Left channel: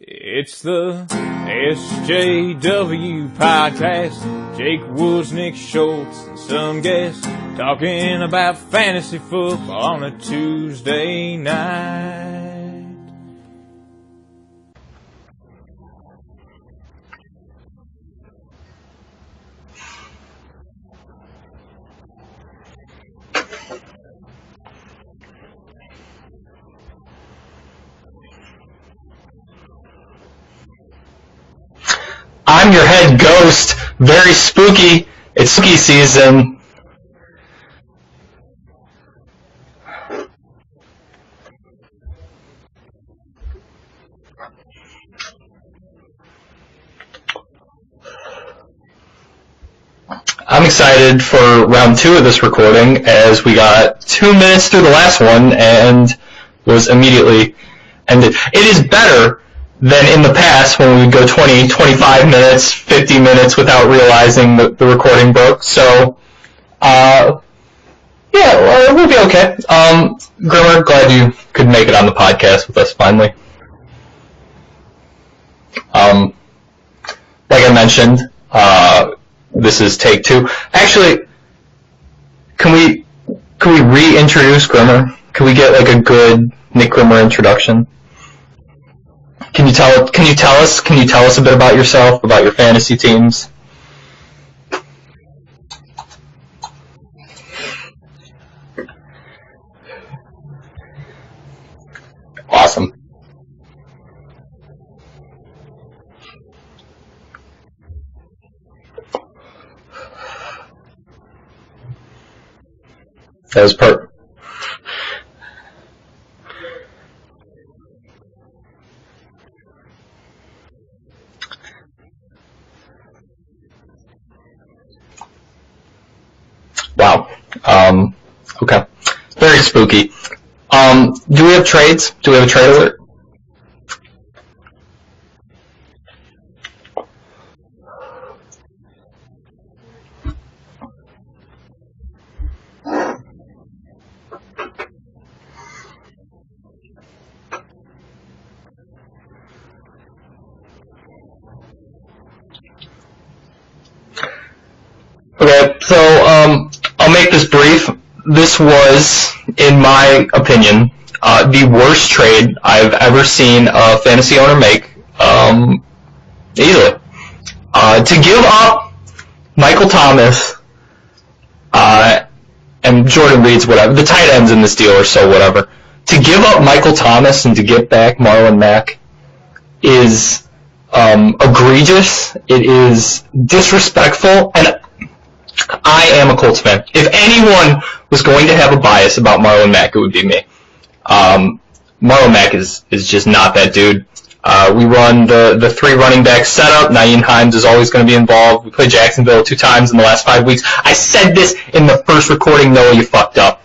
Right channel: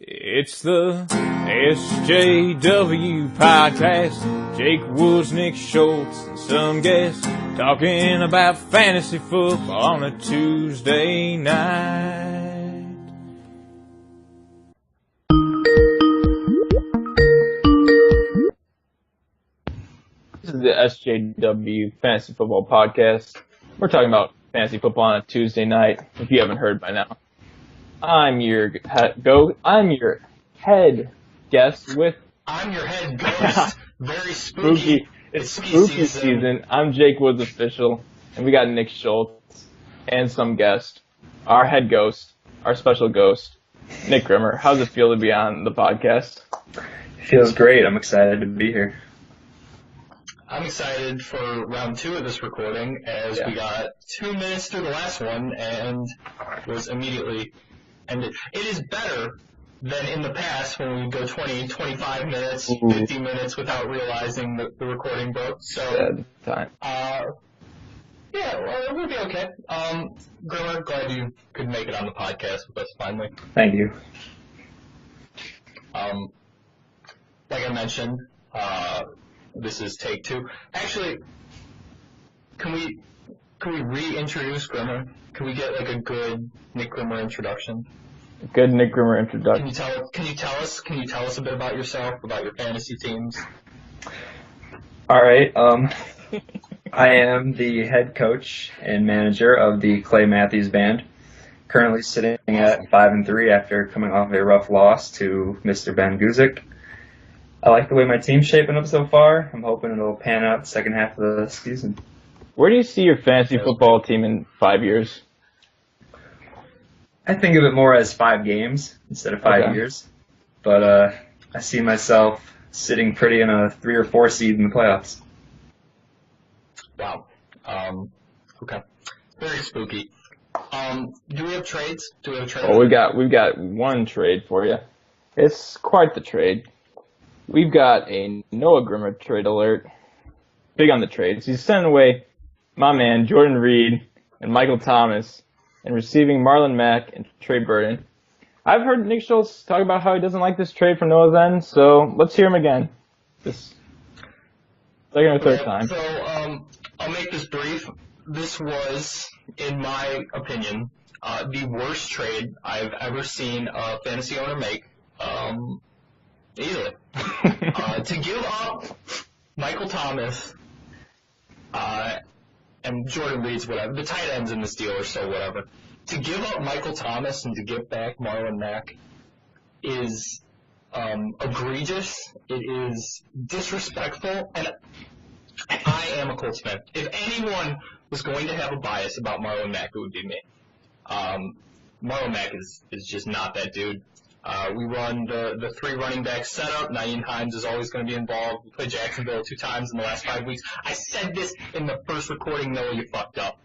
It's the SJW podcast. Jake Woods, Nick Schultz, and some guests talking about fantasy football on a Tuesday night. This is the SJW Fantasy Football Podcast. We're talking about fantasy football on a Tuesday night, if you haven't heard by now. I'm your head guest with... I'm your head ghost. Very spooky. It's spooky season. And I'm Jake Woods official, and we got Nick Schultz and some guest. Our head ghost, our special ghost, Nick Grimmer. How's it feel to be on the podcast? Feels great. I'm excited to be here. I'm excited for round 2 of this recording as we got 2 minutes through the last one and was immediately ended. It is better than in the past when we would go 20, 25 minutes, 50 minutes without realizing that the recording broke. So, we'll be okay. Grimmer, glad you could make it on the podcast with us finally. Thank you. Like I mentioned, this is take 2. Actually, can we reintroduce Grimmer? Can we get like a good Nick Grimmer introduction? Good Nick Grimmer introduction. Can you tell us a bit about yourself, about your fantasy teams? All right. I am the head coach and manager of the Clay Matthews Band. Currently sitting at 5-3 after coming off a rough loss to Mr. Ben Guzik. I like the way my team's shaping up so far. I'm hoping it'll pan out the second half of the season. Where do you see your fantasy football team in 5 years? I think of it more as 5 games instead of 5 years. But I see myself sitting pretty in a 3 or 4 seed in the playoffs. Wow. Okay. Very spooky. Do we have trades? Do we have a trade alert? We've got one trade for you. It's quite the trade. We've got a Noah Grimmer trade alert. Big on the trades. He's sending away my man Jordan Reed and Michael Thomas and receiving Marlon Mack and Trey Burton. I've heard Nick Schultz talk about how he doesn't like this trade from Noah's end, so let's hear him again. Okay, so I'll make this brief. This was, in my opinion, the worst trade I've ever seen a fantasy owner make. Easily. To give up Michael Thomas and Jordan Reed's whatever. The tight ends in this deal are so whatever. To give up Michael Thomas and to get back Marlon Mack is egregious. It is disrespectful, and I am a Colts fan. If anyone was going to have a bias about Marlon Mack, it would be me. Marlon Mack is just not that dude. We run the 3 running back setup. Nyheim Hines is always going to be involved. We played Jacksonville 2 times in the last 5 weeks. I said this in the first recording. Noah, you fucked up.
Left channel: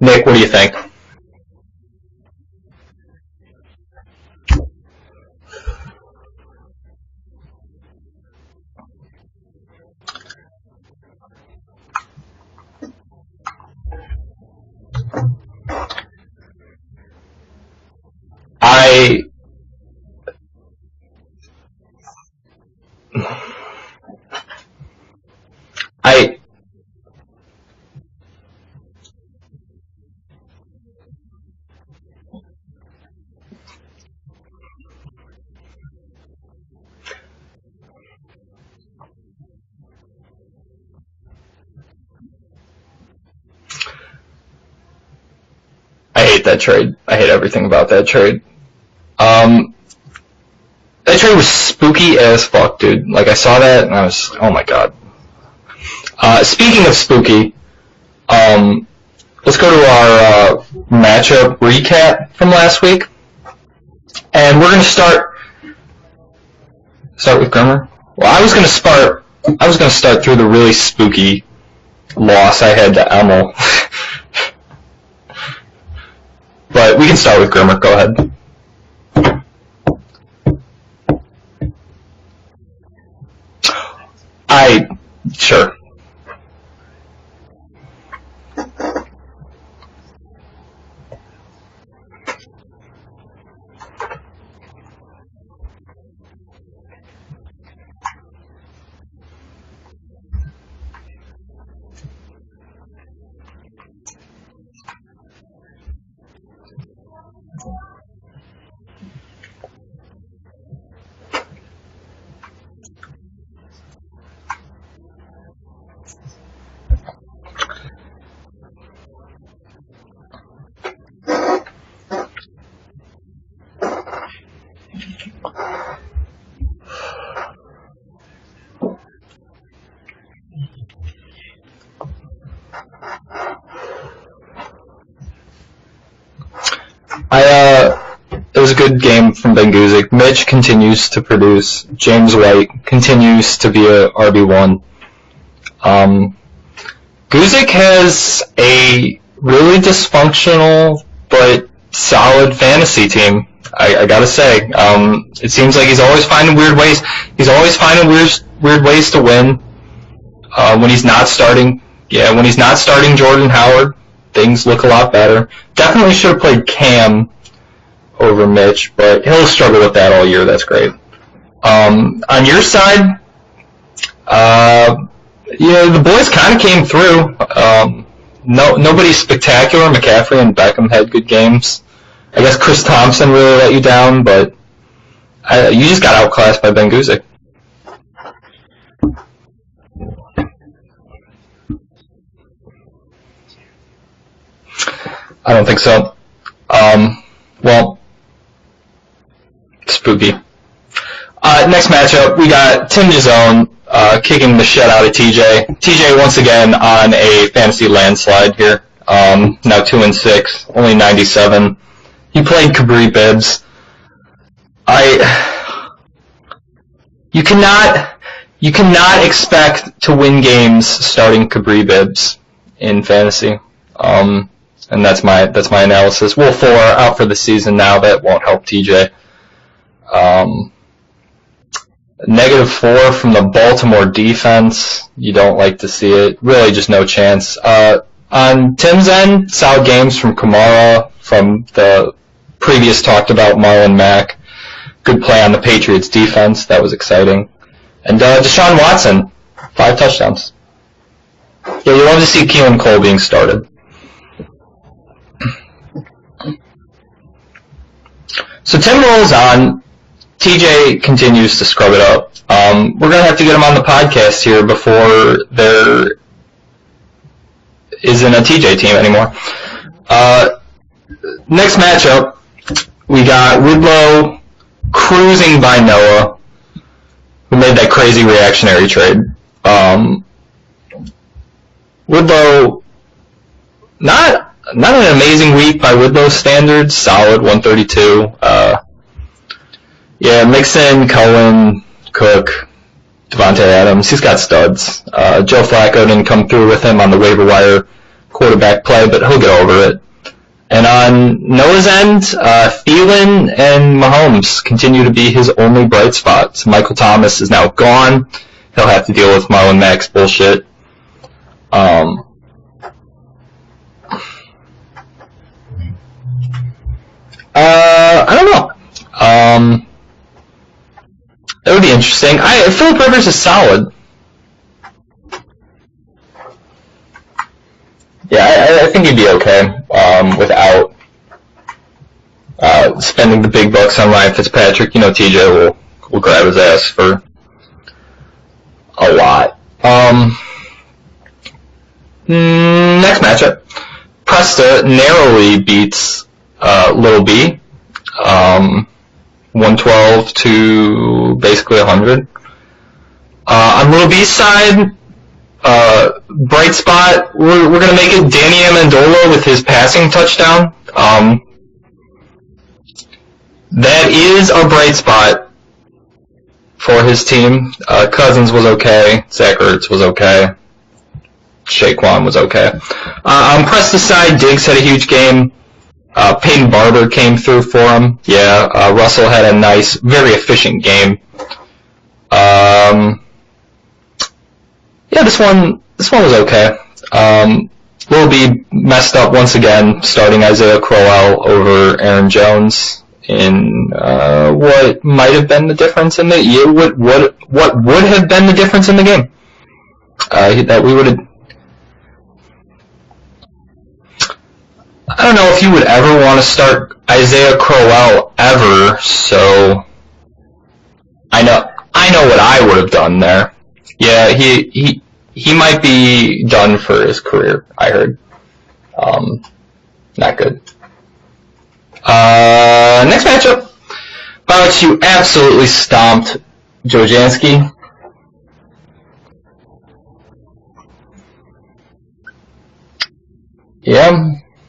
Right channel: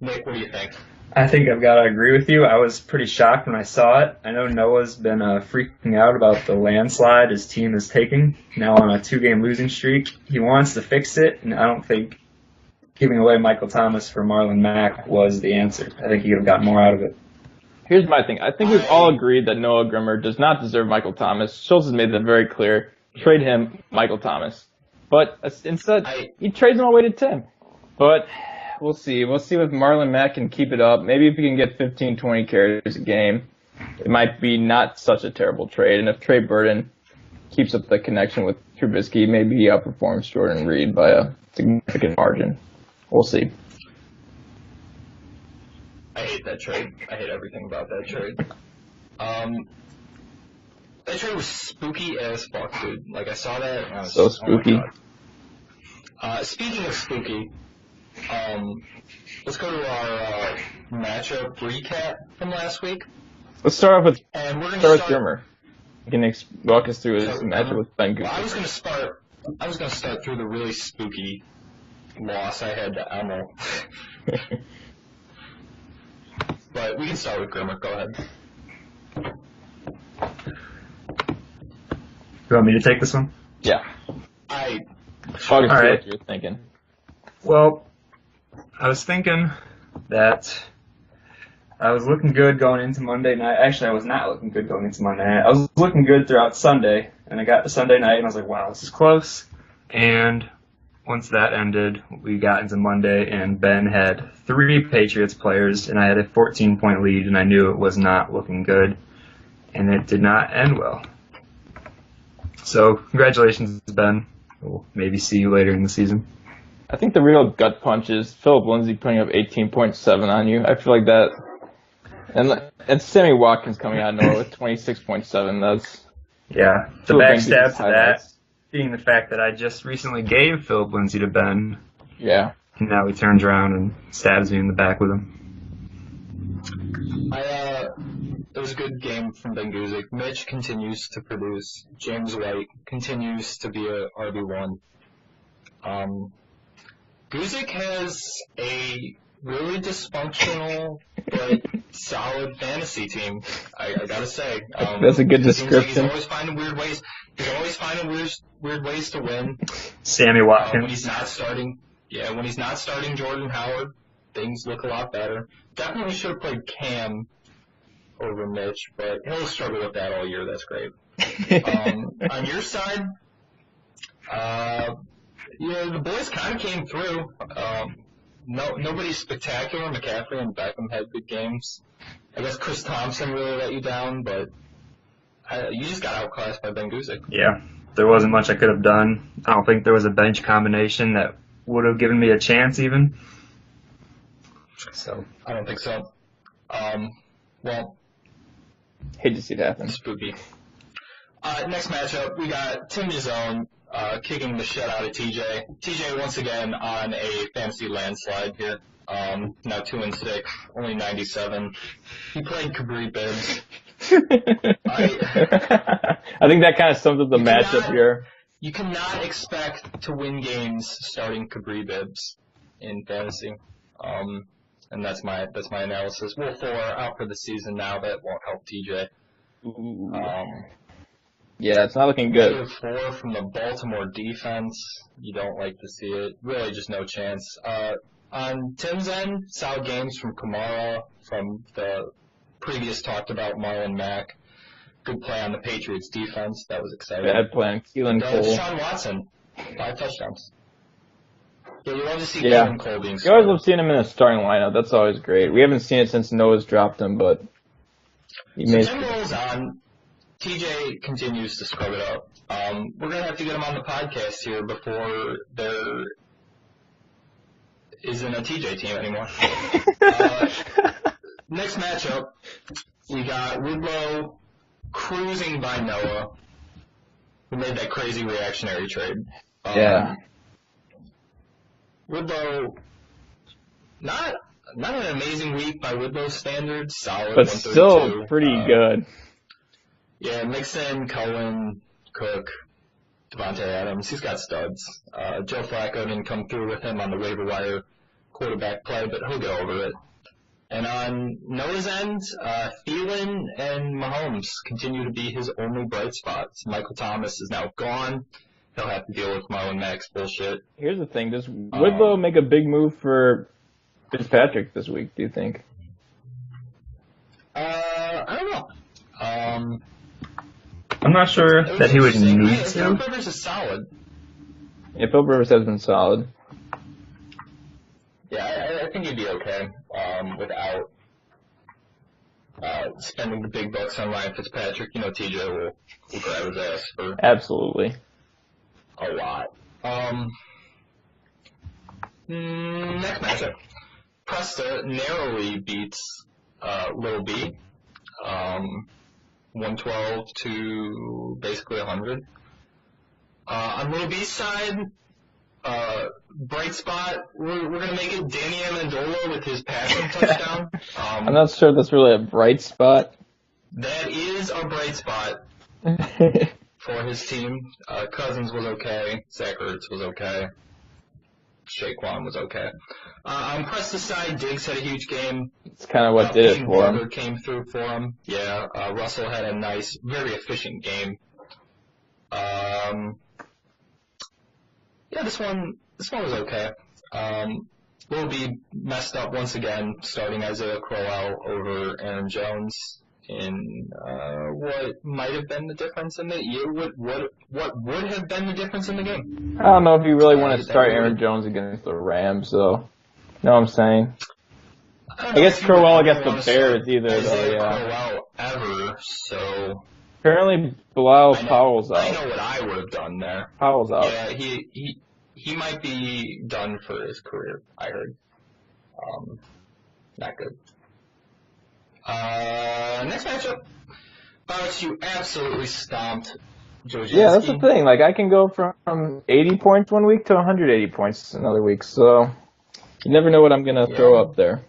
Nick, what do you think? I think I've got to agree with you. I was pretty shocked when I saw it. I know Noah's been freaking out about the landslide his team is taking, now on a 2-game losing streak. He wants to fix it, and I don't think giving away Michael Thomas for Marlon Mack was the answer. I think he could have gotten more out of it. Here's my thing. I think we all agree that Noah Grimmer does not deserve Michael Thomas. Schultz has made that very clear. Trade him, Michael Thomas. But instead, he trades him away to Tim. But we'll see. We'll see if Marlon Mack can keep it up. Maybe if he can get 15, 20 carries a game, it might be not such a terrible trade. And if Trey Burton keeps up the connection with Trubisky, maybe he outperforms Jordan Reed by a significant margin. We'll see. I hate that trade. I hate everything about that trade. That trade was spooky as fuck, dude. Like, I saw that, and I was oh my god. Speaking of spooky, let's go to our matchup recap from last week. Let's start off with... And we're going to start... Can you walk us through... Start with Grimmer? Well, I was going to start through the really spooky loss I had to Emil. But we can start with Grimmer. Go ahead. You want me to take this one? Yeah. Sure. All right. What you're thinking. Well, I was thinking that I was looking good going into Monday night. Actually, I was not looking good going into Monday night. I was looking good throughout Sunday, and I got to Sunday night, and I was like, wow, this is close. And once that ended, we got into Monday, and Ben had 3 Patriots players, and I had a 14-point lead, and I knew it was not looking good, and it did not end well. So, congratulations, Ben. We'll maybe see you later in the season. I think the real gut punch is Philip Lindsay putting up 18.7 on you. I feel like that, and Sammy Watkins coming out of nowhere with 26.7. That's yeah. The backstab to that being the fact that I just recently gave Philip Lindsay to Ben. Yeah. And now he turns around and stabs me in the back with him. It was a good game from Ben Guzik. Mitch continues to produce. James White continues to be a RB1. Guzik has a really dysfunctional but solid fantasy team. I gotta say, it seems like he's always finding weird ways. He's always finding weird ways to win. Sammy Watkins. When he's not starting Jordan Howard, things look a lot better. Definitely should have played Cam over Mitch, but he'll struggle with that all year. That's great. On your side, the boys kind of came through. Nobody spectacular. McCaffrey and Beckham had good games. I guess Chris Thompson really let you down, but you just got outclassed by Ben Guzik. Yeah, there wasn't much I could have done. I don't think there was a bench combination that would have given me a chance even. I don't think so. Well, hate to see that happen. Spooky. Next matchup, we got Tim Jazone kicking the shit out of TJ. TJ once again on a fantasy landslide here. Now 2-6, only 97. He played Cabri Bibbs. I think that kind of sums up the You cannot expect to win games starting Cabri Bibbs in fantasy. And that's my analysis. Will 4 out for the season now. That won't help TJ. Yeah, it's not looking Negative 4 from the Baltimore defense. You don't like to see it. Really just no chance. On Tim's end, solid games from Kamara, from the previous talked about Marlon Mack. Good play on the Patriots defense. That was exciting. And Deshaun Watson, 5 touchdowns. Yeah, you love to see Keelan Cole being started. We've seen him in a starting lineup. That's always great. We haven't seen it since Noah's dropped him, but... So Tim rolls on. TJ continues to scrub it up. We're going to have to get him on the podcast here before there isn't a TJ team anymore. Next matchup, we got Woodlow cruising by Noah, who made that crazy reactionary trade. Woodlow, not an amazing week by Woodlow standards, solid 132. Pretty good. Yeah, Mixon, Cohen, Cook, Devontae Adams, he's got studs. Joe Flacco didn't come through with him on the waiver wire quarterback play, but he'll get over it. And on Noah's end, Thielen and Mahomes continue to be his only bright spots. Michael Thomas is now gone. He'll have to deal with Marlon Mack's bullshit. Here's the thing, does Woodlow make a big move for Fitzpatrick this week, do you think? I don't know. I'm not sure. That would be interesting. Philip Rivers is solid. Yeah, Philip Rivers has been solid. Yeah, I think he'd be okay without spending the big bucks on Ryan Fitzpatrick. You know, TJ will grab his ass for absolutely a lot. Next matchup, Presta narrowly beats Little B. 112 to basically 100. On Little B's side, bright spot, we're going to make it Danny Amendola with his passing touchdown. I'm not sure that's really a bright spot. That is a bright spot for his team. Cousins was okay. Zach Ertz was okay. Shaquan was okay. On Presta's side, Diggs had a huge game. Peyton Barber came through for him. Yeah, Russell had a nice, very efficient game. Yeah, this one was okay. Will be messed up once again, starting Isaiah Crowell over Aaron Jones in what might have been the difference in what would have been the difference in the game. I don't know if he really that we would have Jones against the Rams, so you know what I'm saying. I don't know if you would ever want to start Isaiah Crowell ever. So apparently, Bilal I know what I would have done there. Yeah, he might be done for his career, I heard. Not good. Next matchup. Bout you absolutely stomped Joe Jansky. Yeah, that's the thing. Like, I can go from 80 points one week to 180 points another week, so you never know what I'm going to throw up there.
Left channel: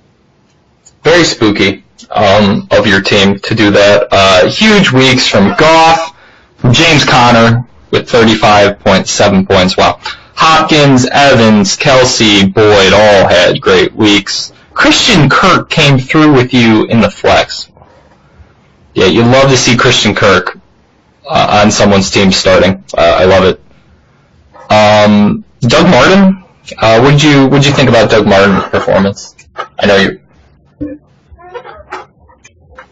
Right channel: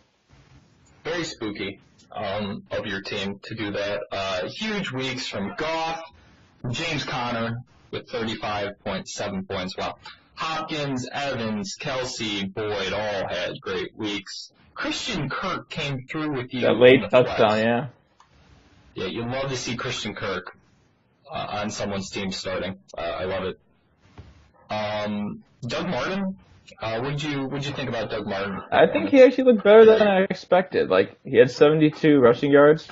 Very spooky of your team to do that. Huge weeks from Goff, from James Conner with 35.7 points. Wow. Hopkins, Evans, Kelsey, Boyd all had great weeks. Christian Kirk came through with you in the flex. Yeah, you'd love to see Christian Kirk on someone's team starting. I love it. Doug Martin, what'd you think about Doug Martin's performance? He actually looked better than I expected. Like, he had 72 rushing yards.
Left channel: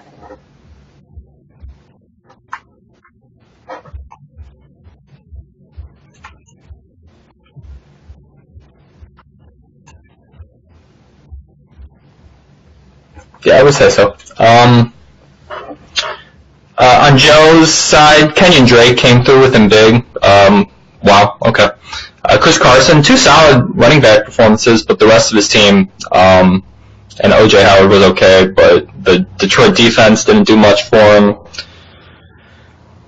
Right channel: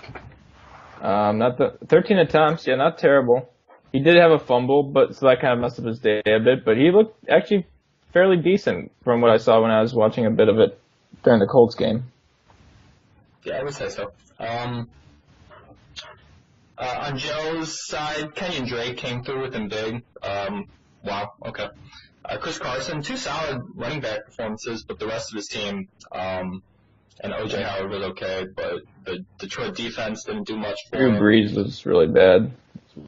13 attempts. Yeah, not terrible. He did have a fumble, but so that kind of messed up his day a bit. But he looked actually fairly decent from what I saw when I was watching a bit of it during the Colts game. Yeah, I would say so. On Joe's side, Kenyon Drake came through with him big. Wow, okay. Chris Carson, 2 solid running back performances, but the rest of his team, and O.J. Howard was okay, but the Detroit defense didn't do much for him. Breeze was really bad.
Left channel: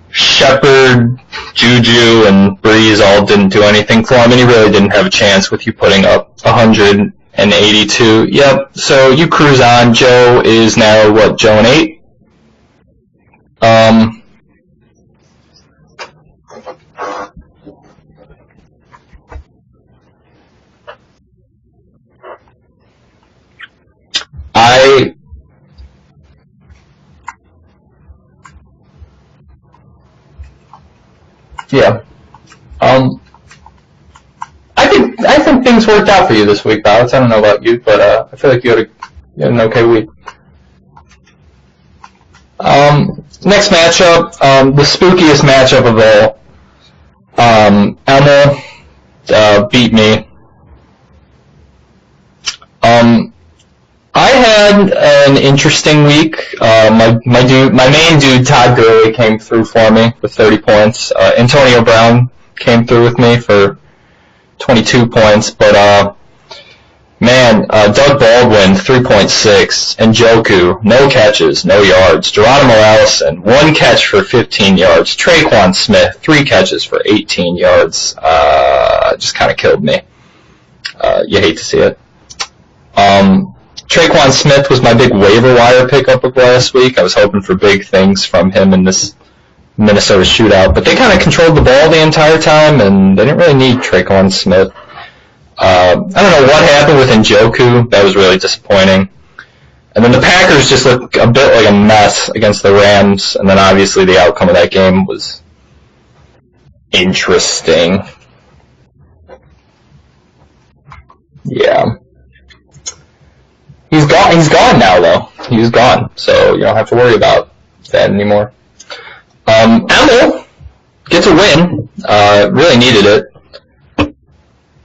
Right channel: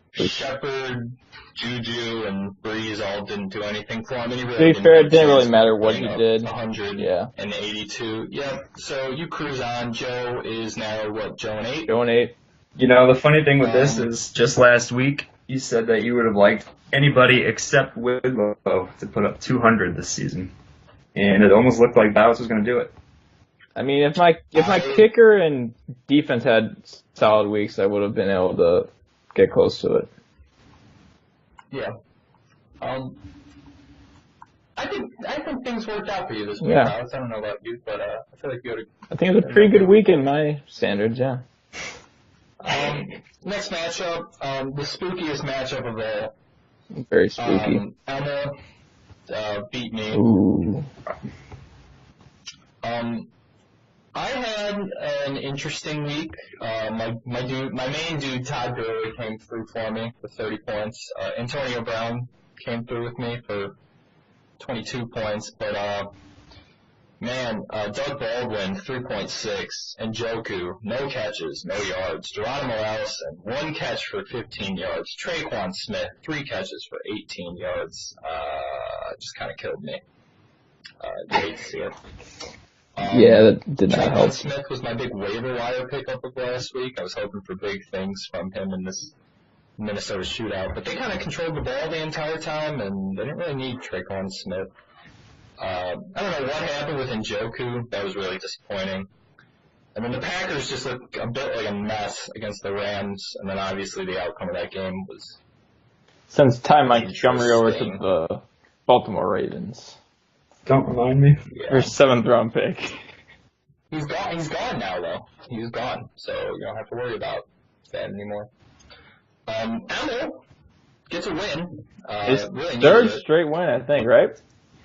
Shepard, Juju, and Breeze all didn't do anything for him, and he really didn't have a chance with you putting up 182. Yep, so you cruise on. Joe is now, what, Joe and 8? Joe and 8. You know, the funny thing with this is just last week, you said that you would have liked anybody except Whitlow to put up 200 this season. And it almost looked like Dallas was going to do it. I mean, if my kicker and defense had solid weeks, I would have been able to get close to it. Yeah. I think things worked out for you this week, Alex. I don't know about you, but I feel like you had an okay week in my standards, yeah. Next matchup, the spookiest matchup of all. Very spooky. Emma beat me. Ooh. I had an interesting week. My main dude, Todd Gurley, came through for me with 30 points. Antonio Brown came through with me for 22 points, but Doug Baldwin, 3.6, and Njoku, no catches, no yards. Geronimo Allison, 1 catch for 15 yards. Traquan Smith, 3 catches for 18 yards. Just kind of killed me. You hate to see it. Traquan Smith was my big waiver wire pickup of last week. I was hoping for big things from him in this Minnesota shootout, but they kind of controlled the ball the entire time, and they didn't really need Traquan Smith. I don't know what happened with Njoku. That was really disappointing. And then the Packers just looked a bit like a mess against the Rams, and then obviously the outcome of that game was interesting. The Baltimore Ravens. Don't remind me. Yeah. 7th round pick. He's gone now, though. He's gone, so you don't have to worry about that anymore. Emil gets a win. Really needed it. Straight win, I think, right?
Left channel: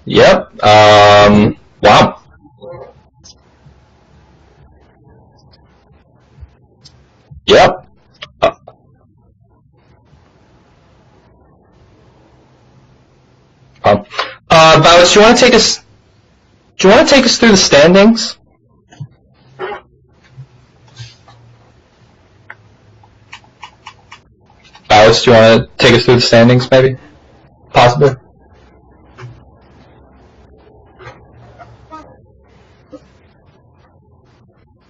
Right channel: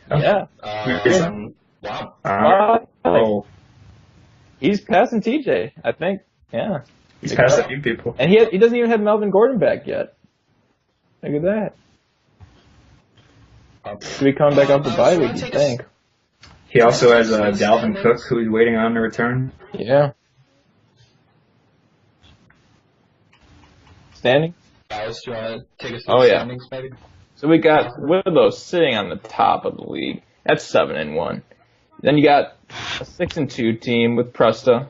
Yep. Wow. Oh. He's passing TJ, I think. Yeah. He's passing people. And he doesn't even have Melvin Gordon back yet. Look at that. Bowers, do you want to take us? Do you want to take us through the standings? Who's waiting on the return? Yeah. Standing. Bowers, do you want to take us through the standings, maybe? So we got Willow sitting on the top of the league. That's 7-1. Then you got a 6-2 team with Presta.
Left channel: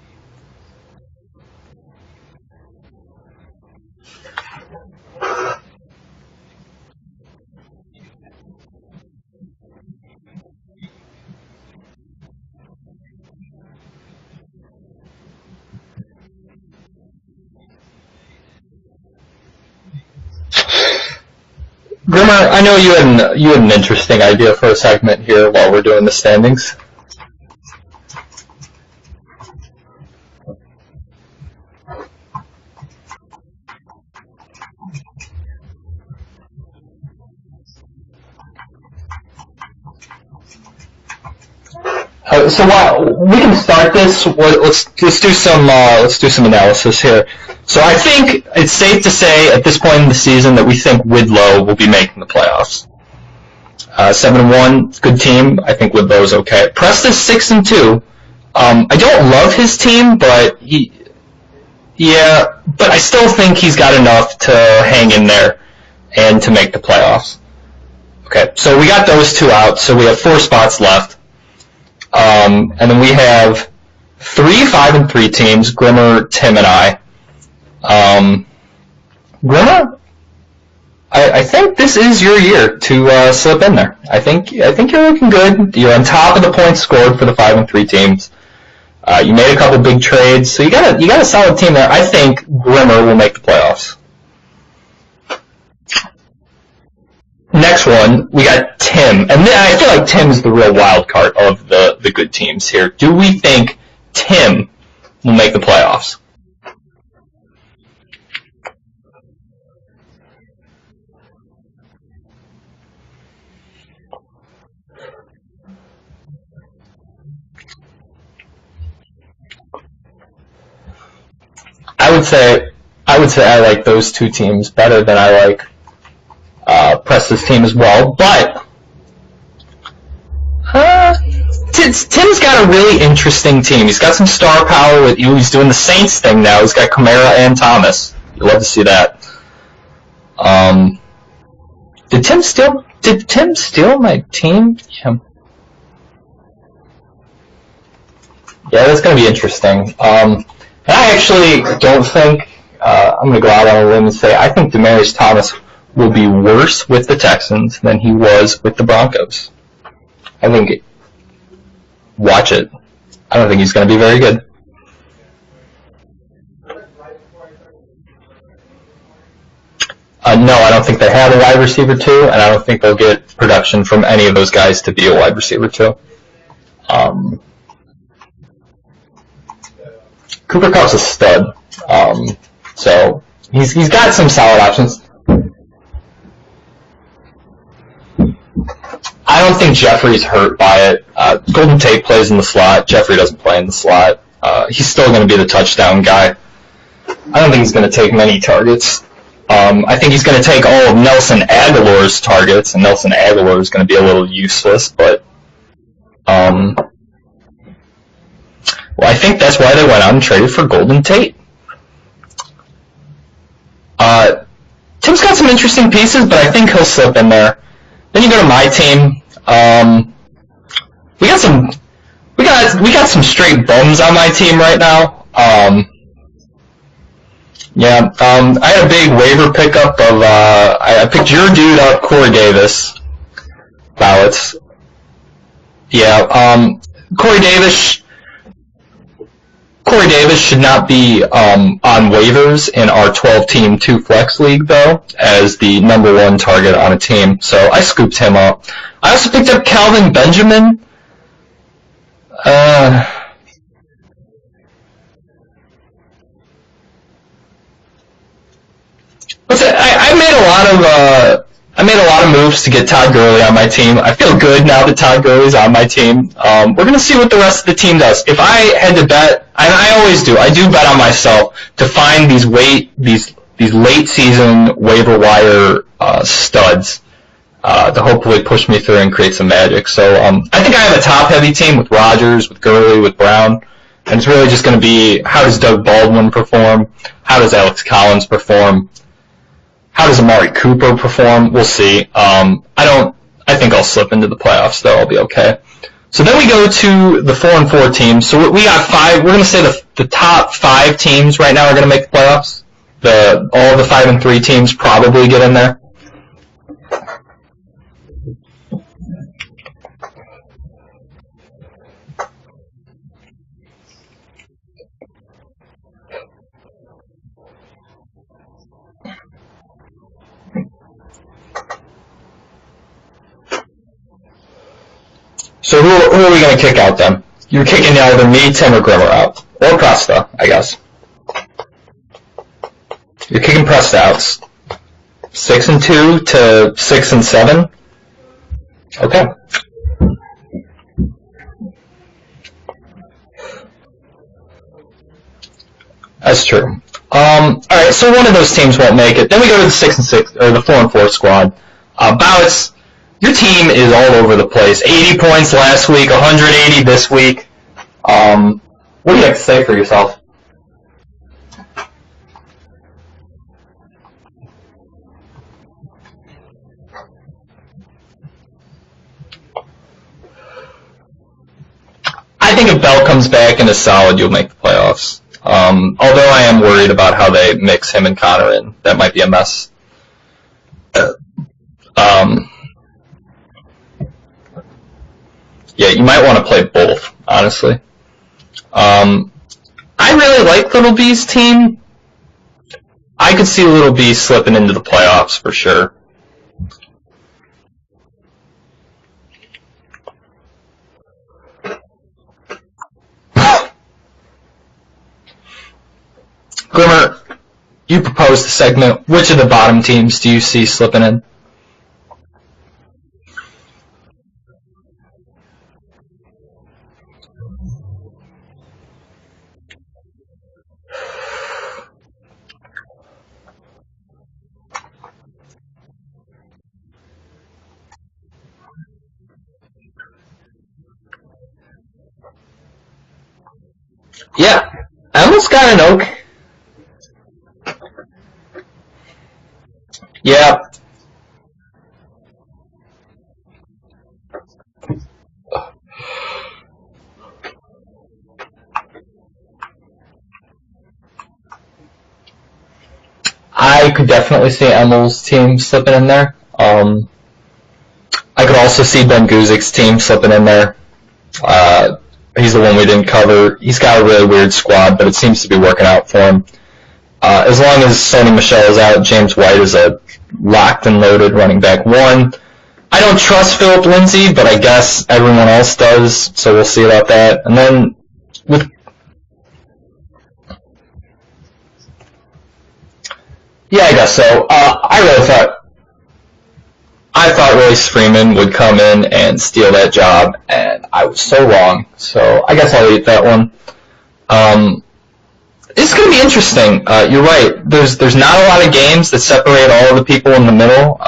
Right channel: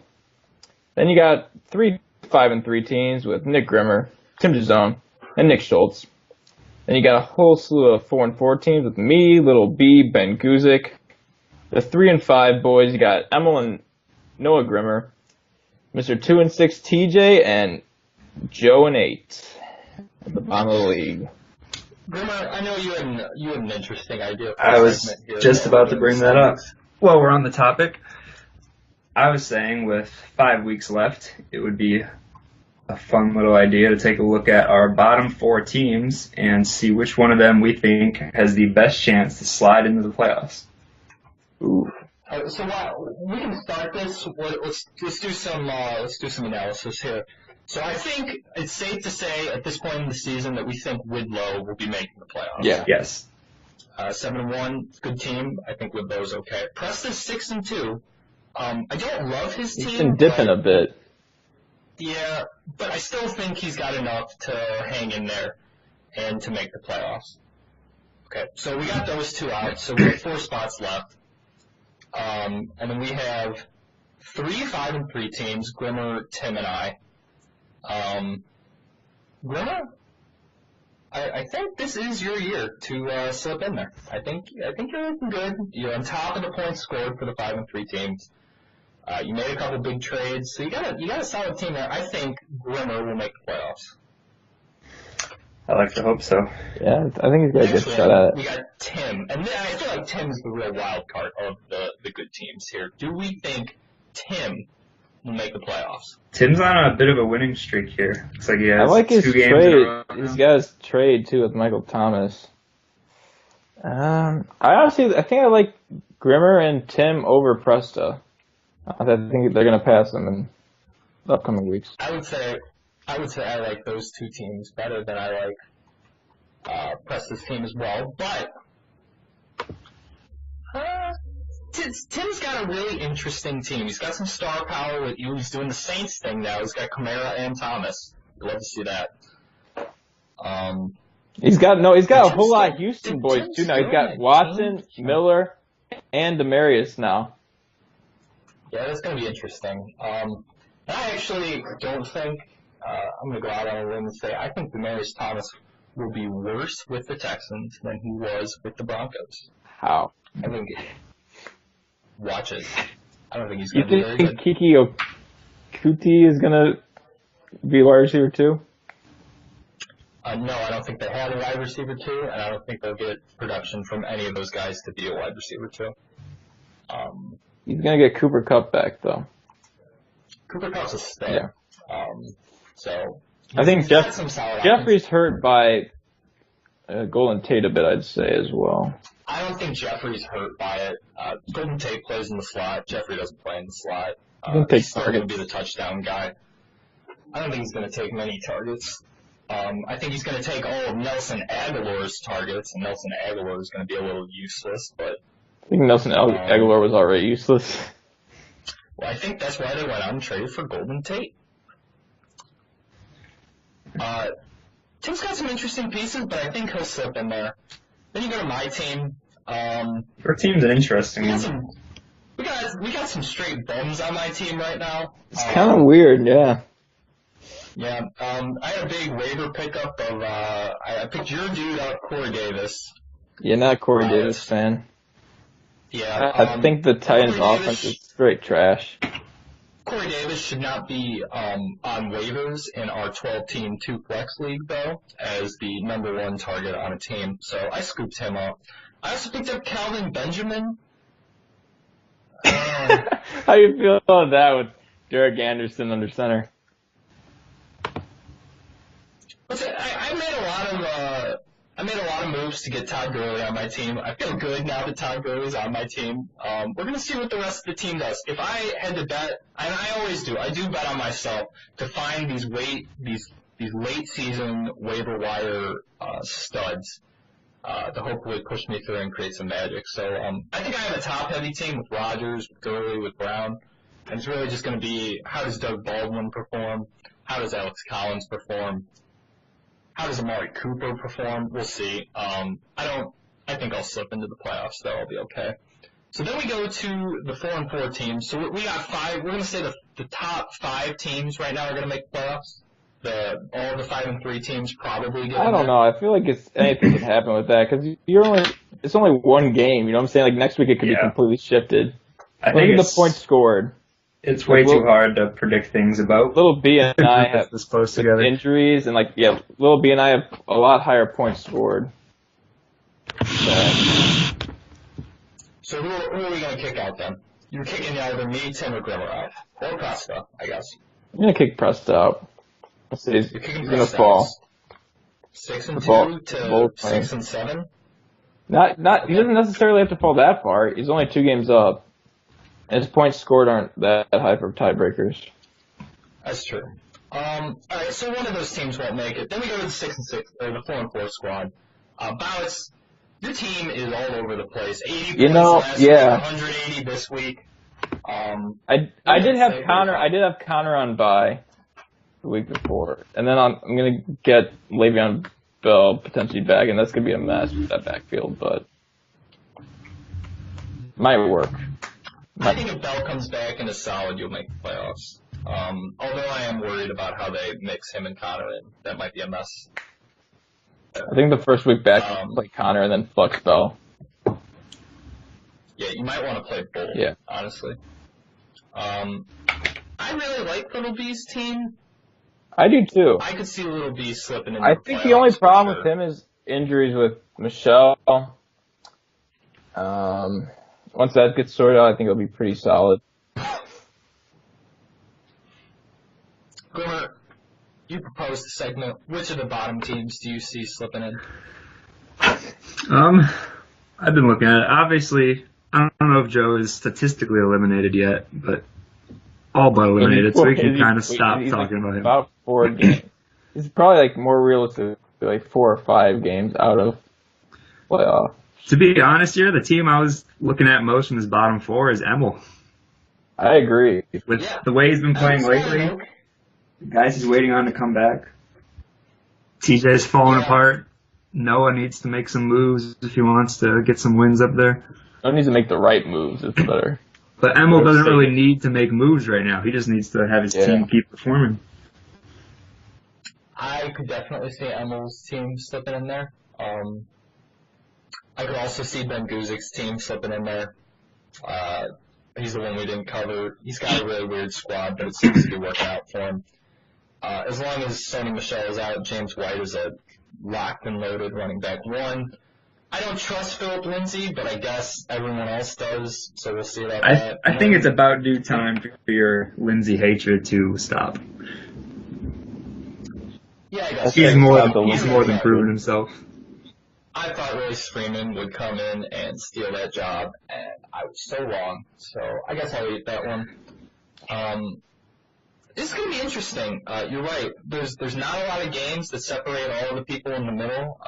Then you got 3 5-3 teams with Nick Grimmer, Tim DeZone, and Nick Schultz. Then you got a whole slew of 4-4 teams with me, Little B, Ben Guzik. The 3-5 boys, you got Emil and Noah Grimmer, Mr. 2-6 TJ, and Joe and 8. That's the bottom of the league. Grimmer, I know you had an interesting idea for a segment here while we're doing the standings. while we're on the topic, I was saying with 5 weeks left, it would be a fun little idea to take a look at our bottom 4 teams and see which one of them we think has the best chance to slide into the playoffs. So we can start this. Let's do some analysis here. So I think it's safe to say at this point in the season that we think Widlow will be making the playoffs. Yeah. Yes. 7-1, good team. I think Widlow's okay. Preston's 6-2. I don't love his team, but but I still think he's got enough to hang in there and to make the playoffs. Okay, so we got those 2 out. So we have 4 spots left. And then we have 3 5-3 teams, Grimmer, Tim, and I. Grimmer, I think this is your year to slip in there. I think you're looking good. You're on top of the points scored for the 5-3 teams. You made a couple big trades, so you got a solid team there. I think Grimmer will make the playoffs. I like to hope so. Yeah, I think. Next one, we got Tim, and I feel like Tim's the real wild card of the good teams here. Do we think Tim will make the playoffs? Tim's on a bit of a winning streak here. It's like he has I like his 2 games trade. in a row. He's got his trade too with Michael Thomas. I think I like Grimmer and Tim over Presta. I think they're gonna pass him in the upcoming weeks. I would say I like those 2 teams better than I like Presta's team as well, but Tim's got a really interesting team. He's got some star power. He's doing the Saints thing now. He's got Kamara and Thomas. You'd love to see that. He's got Did Tim steal my team? Miller and Demarius now. Yeah, that's going to be interesting. And I actually don't think I'm going to go out on a limb and say I think Demarius Thomas will be worse with the Texans than he was with the Broncos. How? I think. Watch it. I don't think he's going to be very good. Kiki Okuti is going to be wide receiver too? No, I don't think they have a wide receiver too, and I don't think they'll get production from any of those guys to be a wide receiver too. He's going to get Cooper Kupp back though. Cooper Kupp's a stud. So he's got some solid options. Jeffrey's hurt by Golden Tate a bit, I'd say, as well. I don't think Jeffrey's hurt by it. Golden Tate plays in the slot. Jeffrey doesn't play in the slot. He's still going to be the touchdown guy. I don't think he's going to take many targets. I think he's going to take all of Nelson Aguilar's targets, and Nelson Aguilar is going to be a little useless. But I think Nelson Aguilar was already useless. Well, I think that's why they went out and traded for Golden Tate. Tim's got some interesting pieces, but I think he'll slip in there. Then you go to my team. Your team's interesting. We got some straight bums on my team right now. Weird, yeah. Yeah. I had a big waiver pickup of I picked your dude up, Corey Davis. Yeah, not Corey Davis fan. Yeah. I think the Corey Davis. Straight trash. Corey Davis should not be on waivers in our 12-team 2-flex league, though, as the number 1 target on a team. So I scooped him up. I also picked up Calvin Benjamin. How you feel about that with Derek Anderson under center? Listen, I made a lot of moves to get Todd Gurley on my team. I feel good now that Todd Gurley's on my team. We're going to see what the rest of the team does. If I had to bet, and I always do, I do bet on myself to find these late season waiver wire studs to hopefully push me through and create some magic. So I think I have a top heavy team with Rodgers, with Gurley, with Brown, and it's really just going to be how does Doug Baldwin perform, how does Alex Collins perform. How does Amari Cooper perform? We'll see. I think I'll slip into the playoffs, though. I'll be okay. So then we go to the 4-4 teams. So we got 5. We're going to say the top 5 teams right now are going to make the playoffs. All the 5-3 teams probably get in there. No, I feel like anything can happen with that because it's only 1 game. You know what I'm saying? Like next week it could be completely shifted. I think the points scored. It's way too hard to predict things about. Little B and I have injuries, and Little B and I have a lot higher points scored. So who are we going to kick out then? You're kicking either me, Tim, or Grimmer out. Or Presta, I guess. I'm going to kick Presta out. You're kicking Presta out. 6-2 to 6-7? He doesn't necessarily have to fall that far. He's only 2 games up. And his points scored aren't that high for tiebreakers. That's true. Alright, so one of those teams won't make it. Then we go to the 6-6, or the 4-4 squad. Bowitz, your team is all over the place. 80 points last week, 180 this week. What do you have to say for yourself? I did have Connor on bye the week before. And then I'm going to get Le'Veon Bell potentially back, and that's going to be a mess with that backfield, but might work. I think if Bell comes back and is solid, you'll make the playoffs. Although I am worried about how they mix him and Connor in. That might be a mess. I think the first week back, Connor, and then flex Bell. Yeah, you might want to play both, honestly. I really like Little B's team. I do too. I could see Little B slipping into the playoffs for sure. The only problem with him is injuries with Michelle. Once that gets sorted out, I think it'll be pretty solid. Glimmer, you proposed the segment. Which of the bottom teams do you see slipping in? I've been looking at it. Obviously, I don't know if Joe is statistically eliminated yet, but all but eliminated, so we can kind of stop talking about him. About 4 games. He's probably more realistic, 4 or 5 games out of playoff. To be honest here, the team I was looking at most from his bottom 4 is Emil. I agree. With the way he's been playing. Emil's got an oak. Guys he's waiting on to come back. TJ's falling apart. Noah needs to make some moves if he wants to get some wins up there. Noah needs to make the right moves. It's better. But Emil doesn't really need to make moves right now. He just needs to have his team keep performing. I could definitely see Emil's team slipping in there. I could also see Ben Guzik's team slipping in there. He's the one we didn't cover. He's got a really weird squad, but it seems to be working out for him. As long as Sony Michel is out, James White is a locked and loaded running back 1. I don't trust Philip Lindsay, but I guess everyone else does, so we'll see about that. I think it's about due time for your Lindsay hatred to stop. Yeah, I guess so. I thought Royce Freeman would come in and steal that job, and I was so wrong. So I guess I'll eat that one. It's going to be interesting. You're right. There's not a lot of games that separate all of the people in the middle.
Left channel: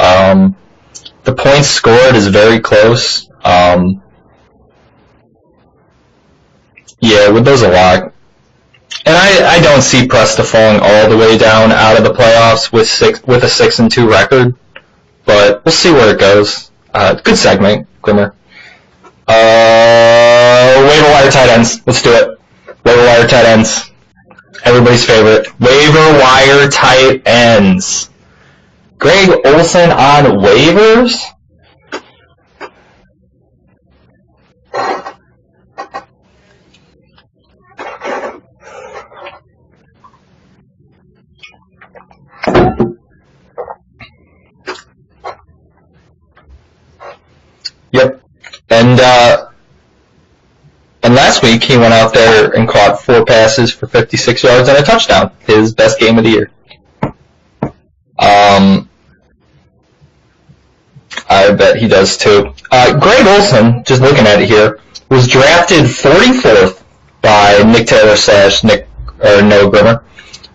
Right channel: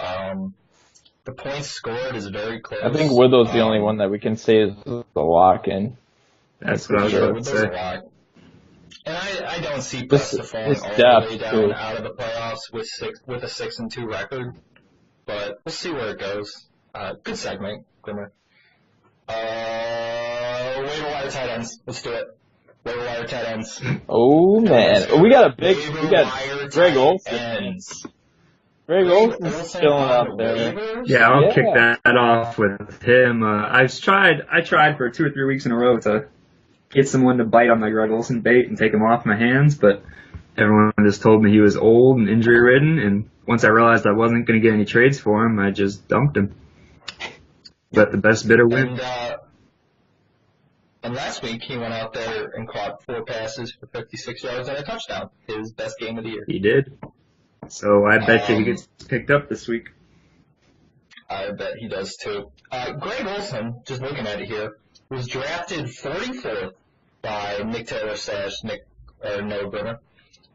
The points scored is very close. I think Widow's the one that we can say is the lock in. Widow's a lock. And I don't see Presta falling all the way down out of the playoffs with a 6-2 record. But we'll see where it goes. Good segment, Grimmer. Waiver wire tight ends. Let's do it. Waiver wire tight ends. Oh, everybody's favorite. Waiver wire tight ends. Greg Olsen on waivers? Yeah, I'll kick that off with him. I tried for 2 or 3 weeks in a row to get someone to bite on my Greg Olsen bait and take him off my hands, but everyone just told me he was old and injury-ridden, and once I realized I wasn't going to get any trades for him, I just dumped him. Yep. The best bidder. And last week he went out there and caught 4 passes for 56 yards and a touchdown. His best game of the year. He did. So I bet he picked up this week. I bet he does too. Greg Olsen, just looking at it here, was drafted 44th by Nick Taylor / Noah Grimmer.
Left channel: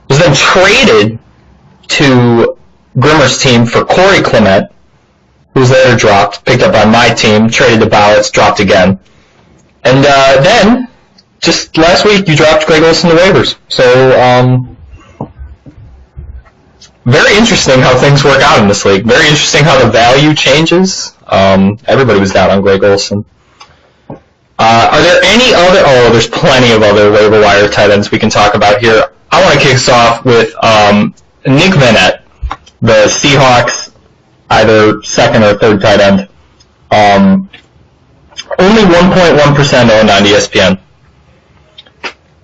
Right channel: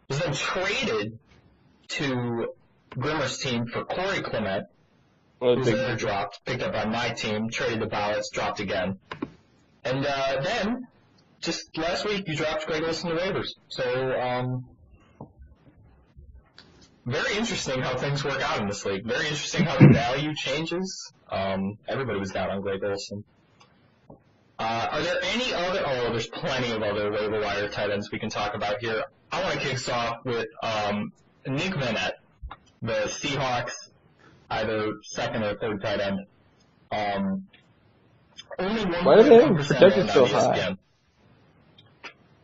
Was then traded to Grimmer's team for Corey Clement, who was later dropped, picked up by my team, traded to Bowitz, dropped again. And then, just last week, you dropped Greg Olsen to waivers. So, very interesting how things work out in this league. Very interesting how the value changes. Everybody was down on Greg Olsen. Are there any other... Oh, there's plenty of other waiver wire tight ends we can talk about here. I want to kick us off with Nick Vanette, the Seahawks, either second or third tight end. Only 1.1% owned on ESPN.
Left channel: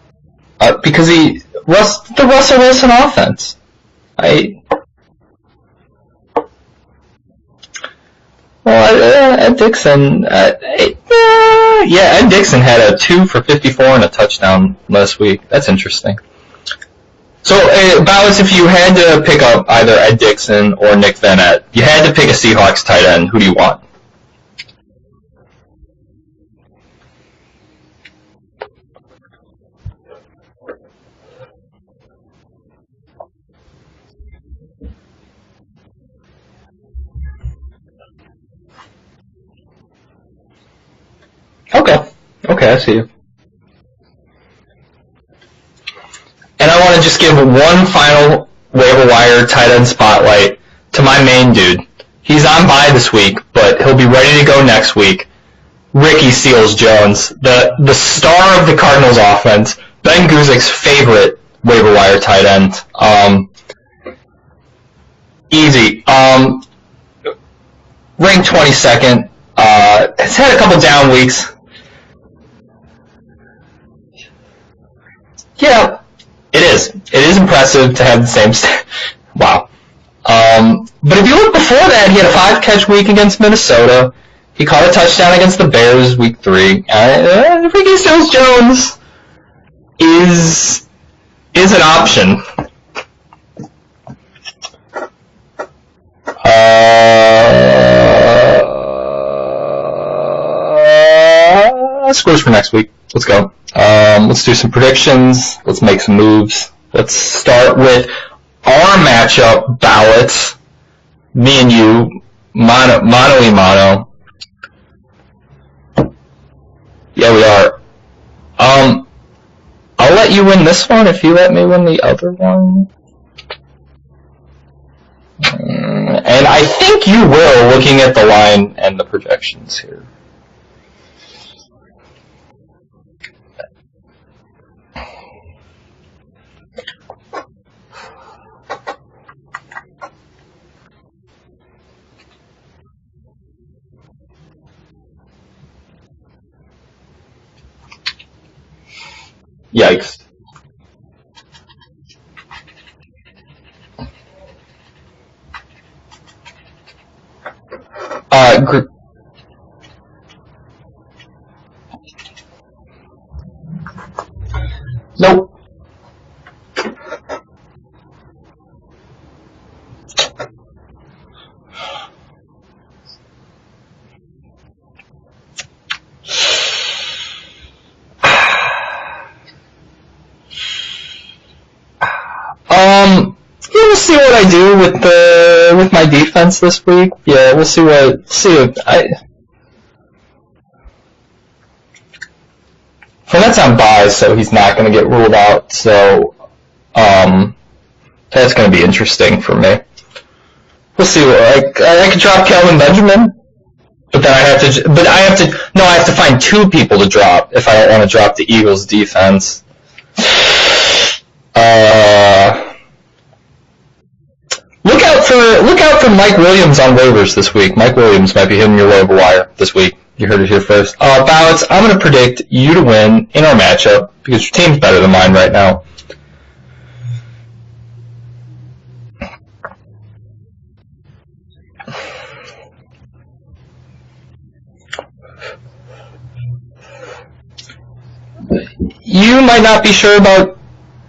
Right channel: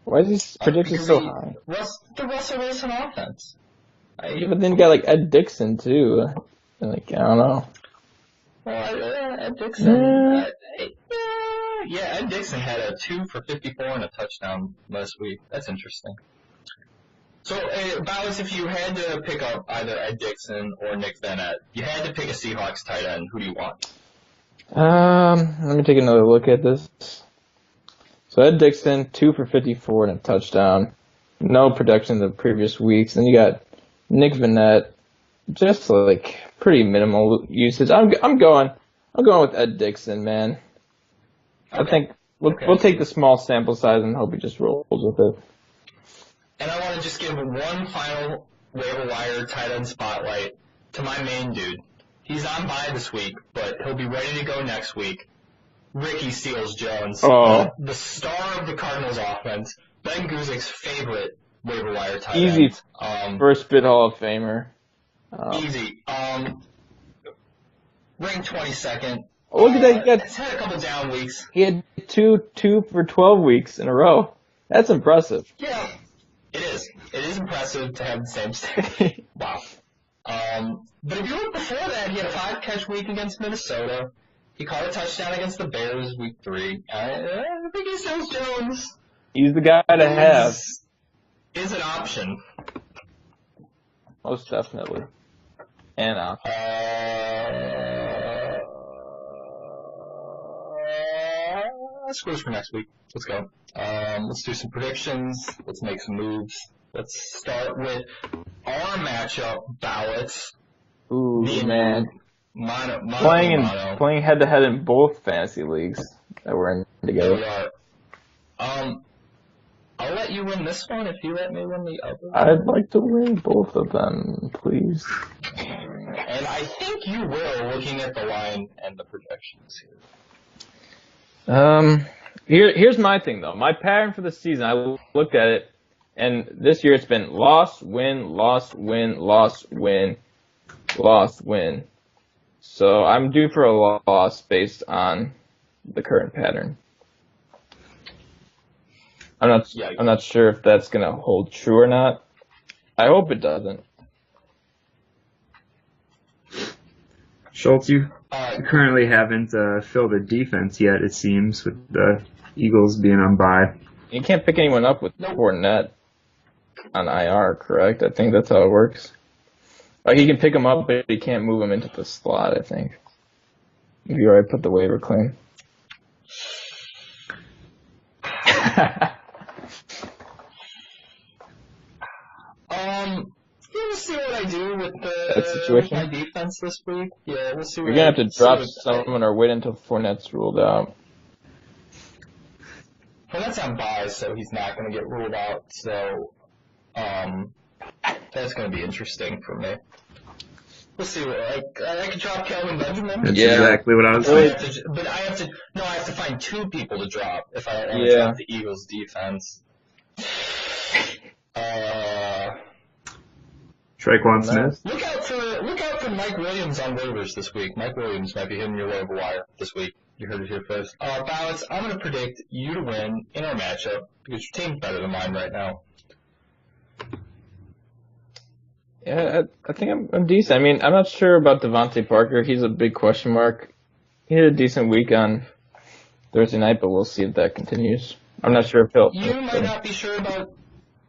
Why is he because the Russell Wilson offense. But then you got Ed Dixon too. I don't know. Well, Ed Dixon. Yeah, Ed Dixon had a 2 for 54 and a touchdown last week. That's interesting. So, Bowers, if you had to pick up either Ed Dixon or Nick Vanette, you had to pick a Seahawks tight end. Who do you want? Let me take another look at this. So Ed Dixon, 2 for 54 and a touchdown. No production the previous weeks. Then you got Nick Vanette, just like pretty minimal usage. I'm going with Ed Dixon, man. Okay. Okay, I see. Take a small sample size and hope he just rolls with it. And I want to just give one final waiver wire tight end spotlight to my main dude. He's on bye this week, but he'll be ready to go next week. Ricky Seals-Jones, the star of the Cardinals offense, Ben Guzik's favorite waiver wire tight end. First bid Hall of Famer. Easy. Ranked 22nd. Has had a couple down weeks. He had two for 12 weeks in a row. That's impressive. Yeah, it is. It is impressive to have the same stat. Wow. But if you look before that, he had a 5-catch week against Minnesota. He caught a touchdown against the Bears week 3. Ricky Seals-Jones He's the guy is an option. Most definitely. And scores for next week. Let's go. Let's do some predictions. Let's make some moves. Let's start with our matchup ballots. Ooh. Me and you, mano y mano. Playing head-to-head in both fantasy leagues that we're in together. Yeah, we are. I'll let you win this one if you let me win the other one. I'd like to win both of them, please. And I think you will, looking at the line and the projections here. Here's my thing, though. My pattern for the season, I looked at it, and this year it's been loss, win, loss, win, loss, win, loss, win. So I'm due for a loss based on the current pattern. I'm not sure if that's going to hold true or not. I hope it doesn't. Schultz, you currently haven't filled a defense yet, it seems, with the Eagles being on bye. You can't pick anyone up with Fournette on IR, correct? I think that's how it works. Like, you can pick him up, but you can't move him into the slot, I think. If you already put the waiver claim. We'll see what I do with my defense this week. Yeah, we'll see what. Or wait until Fournette's ruled out. Fournette's on bye, so he's not going to get ruled out. So, that's going to be interesting for me. We'll see. I could drop Kelvin Benjamin. That's exactly what I was. But then I have to find 2 people to drop if I don't want to drop the Eagles defense. Smith. Look out for Mike Williams on waivers this week. Mike Williams might be hitting your waiver wire this week. You heard it here first. Ballots, I'm going to predict you to win in our matchup because your team's better than mine right now. Yeah, I think I'm decent. I mean, I'm not sure about Devontae Parker. He's a big question mark. He had a decent week on Thursday night, but we'll see if that continues. I'm not sure if he'll. You might not be sure about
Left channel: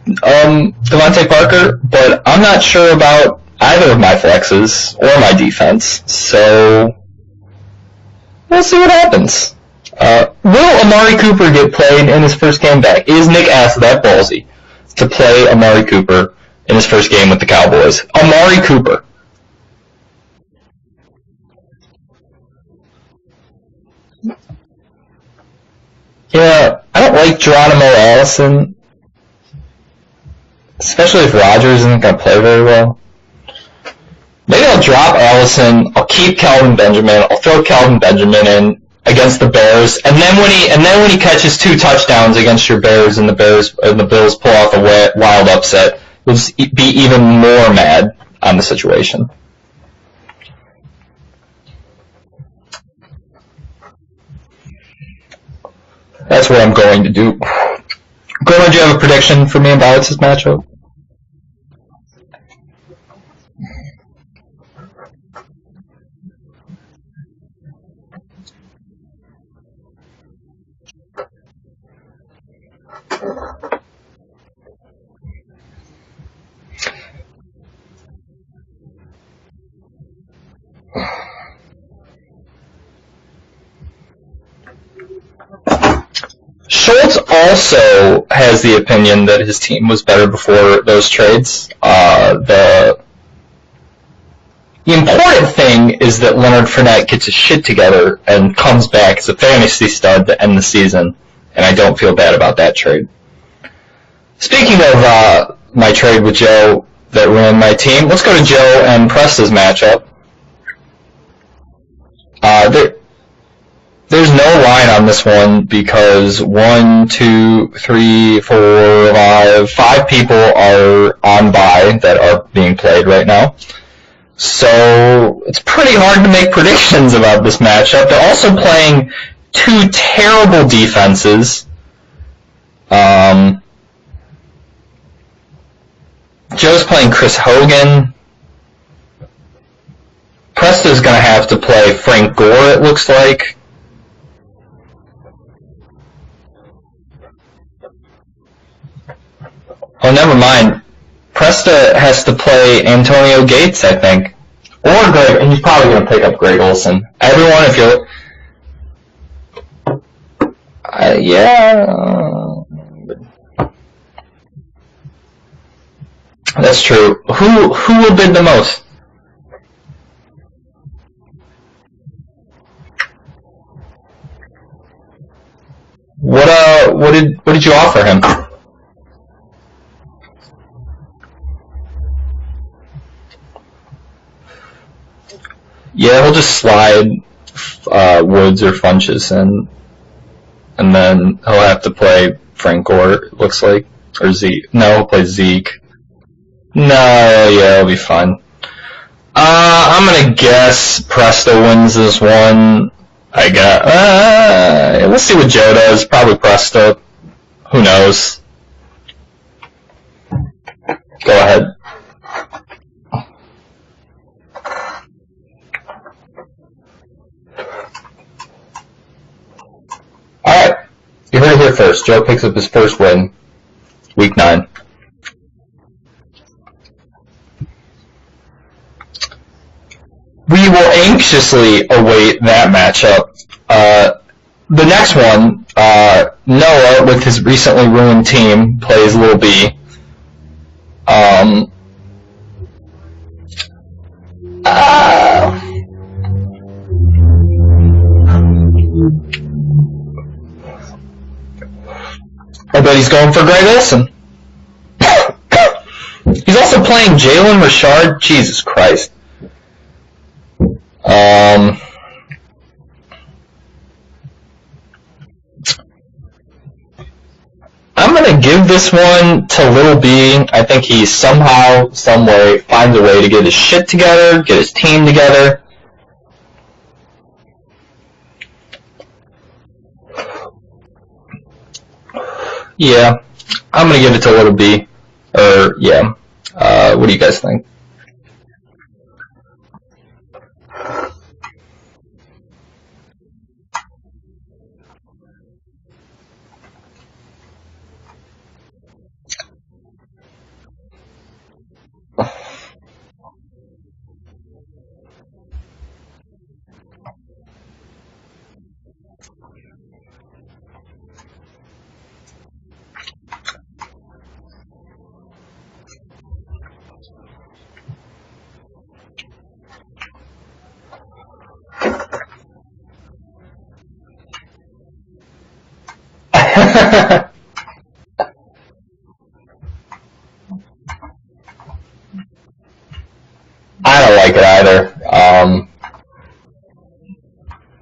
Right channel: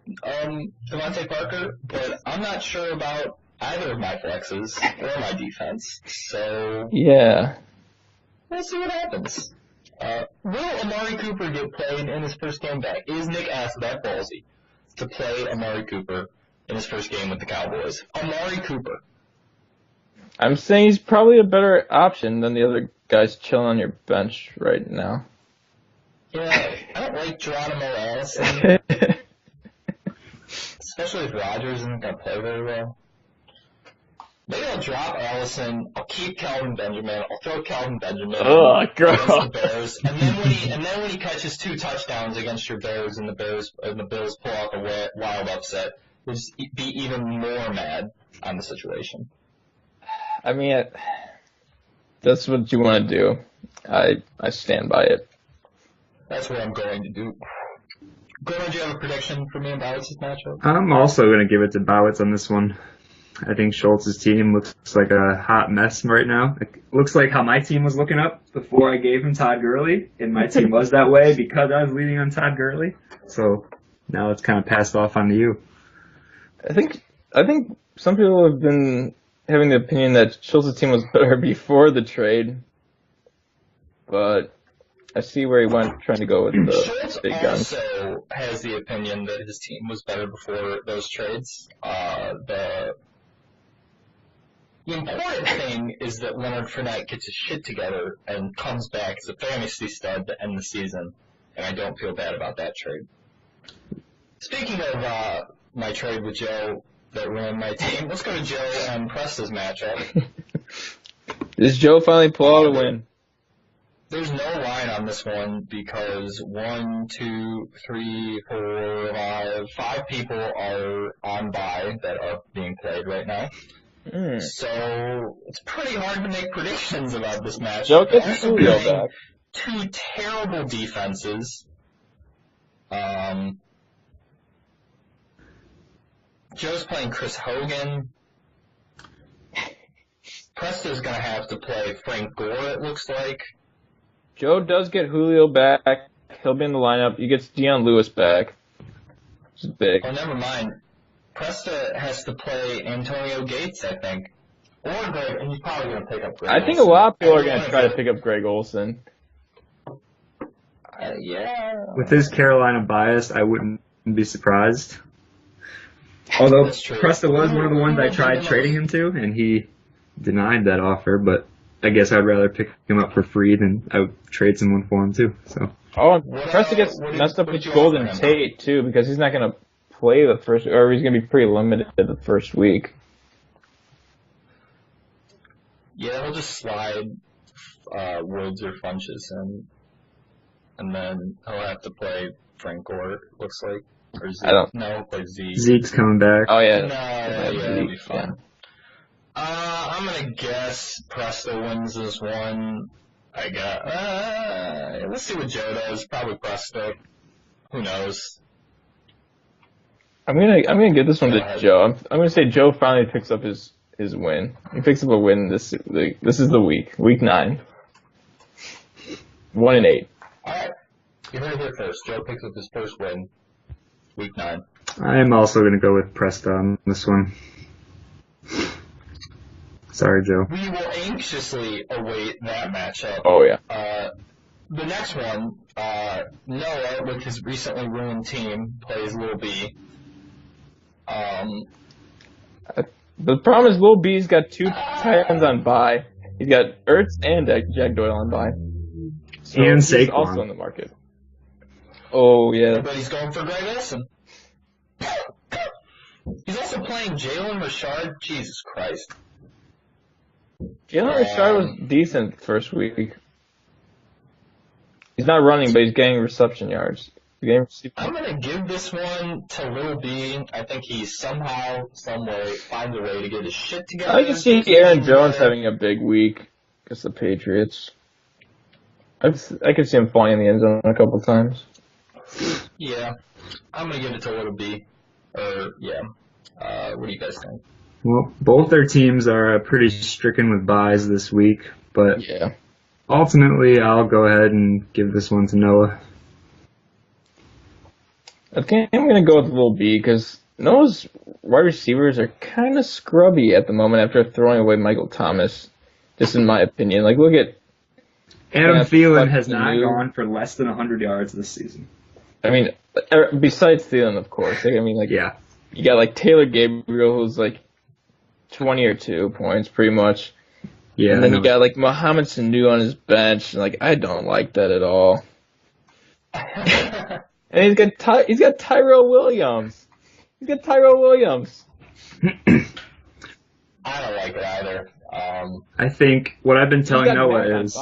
Devontae Parker, but I'm not sure about either of my flexes or my defense. So yeah, we'll see what happens. Will Amari Cooper get played in his first game back? Is Nick Ass that ballsy to play Amari Cooper in his first game with the Cowboys? Amari Cooper. I'm saying he's probably a better option than the other guys chilling on your bench right now. Yeah, I don't like Geronimo Allison. Especially if Rodgers isn't going to play very well. Maybe I'll drop Allison. I'll keep Kelvin Benjamin. I'll throw Kelvin Benjamin in against the Bears, and then when he catches 2 touchdowns against your Bears, and the Bills pull off a wild upset, we'll just be even more mad on the situation. I mean, that's what you want to do. I stand by it. That's what I'm going to do. Gordon, do you have a prediction for me and Bowitz' matchup? I'm also going to give it to Bowitz on this one. I think Schultz's team looks like a hot mess right now. It looks like how my team was looking up before I gave him Todd Gurley, and my team was that way because I was leading on Todd Gurley. So now it's kind of passed off onto you. I think some people have been having the opinion that Schultz's team was better before the trade, but I see where he was trying to go with. Schultz also has the opinion that his team was better before those trades. The important thing is that Leonard Fournette gets his shit together and comes back as a fantasy stud to end the season, and I don't feel bad about that trade. Speaking of my trade with Joe that ruined my team, let's go to Joe and Presta's matchup. Is Joe finally playing? There's no line on this one because 5 people are on bye that are being played right now. So it's pretty hard to make predictions about this matchup. They're also playing two terrible defenses. Joe's playing Chris Hogan. Presta's going to have to play Frank Gore, it looks like. Joe does get Julio back. He'll be in the lineup. He gets Deion Lewis back. Which is big. Oh, never mind. Presta has to play Antonio Gates, I think. Or Greg, and he's probably going to pick up Greg Olsen. Everyone, if you pick up Greg Olsen. Yeah. With his Carolina bias, I wouldn't be surprised. Although that's true. Who will bid the most? Him to, and he denied that offer, but I guess I'd rather pick him up for free than I would trade someone for him too. So. What did you offer him? Too, because he's not going to play the first, or he's going to be pretty limited the first week. Yeah, he'll just slide Woods or Funches in, and then he'll have to play Frank Gore, it looks like. Or Zeke. No, he'll play Zeke. Zeke's coming back. Oh, yeah. No, yeah, it'll be fun. I'm going to guess Presta wins this one. I got. Let's see what Joe does. Probably Presta. Who knows? I'm gonna give this one to Joe. I'm gonna say Joe finally picks up his win. He picks up a win this is the week 9. 1-8. All right, you heard it here first. Joe picks up his first win, week 9. I am also gonna go with Presta on this one. Sorry, Joe. We will anxiously await that matchup. Oh yeah. The next one, Noah with his recently ruined team plays Lil B. The problem is Lil B's got 2 on bye. He's got Ertz and Jack Doyle on bye. So and he's Saquon. also in the market. Oh yeah. I bet he's going for Greg Olsen. He's also playing Jalen Richard. Jesus Christ. Decent first week. He's not running, but he's getting reception yards. I'm going to give this one to Lil B. I think he somehow, someway finds a way to get his shit together, get his team together. Having a big week against the Patriots. I could see him falling in the end zone a couple times. Yeah, I'm going to give it to Lil B. What do you guys think? Well, both their teams are pretty stricken with byes this week, but yeah. Ultimately, I'll go ahead and give this one to Noah. I think I'm going to go with Lil B because Noah's wide receivers are kind of scrubby at the moment after throwing away Michael Thomas, just in my opinion. Like, look at... Adam Thielen has not gone for less than 100 yards this season. I mean, besides Thielen, of course. Like, I mean, like, yeah. You got, like, Taylor Gabriel, who's, like, 20 or 2 points, pretty much. Yeah. And then you got, like, Mohamed Sanu on his bench. And, like, I don't like that at all. And he's got Tyrell Williams. I don't like it either. I think what I've been telling Noah is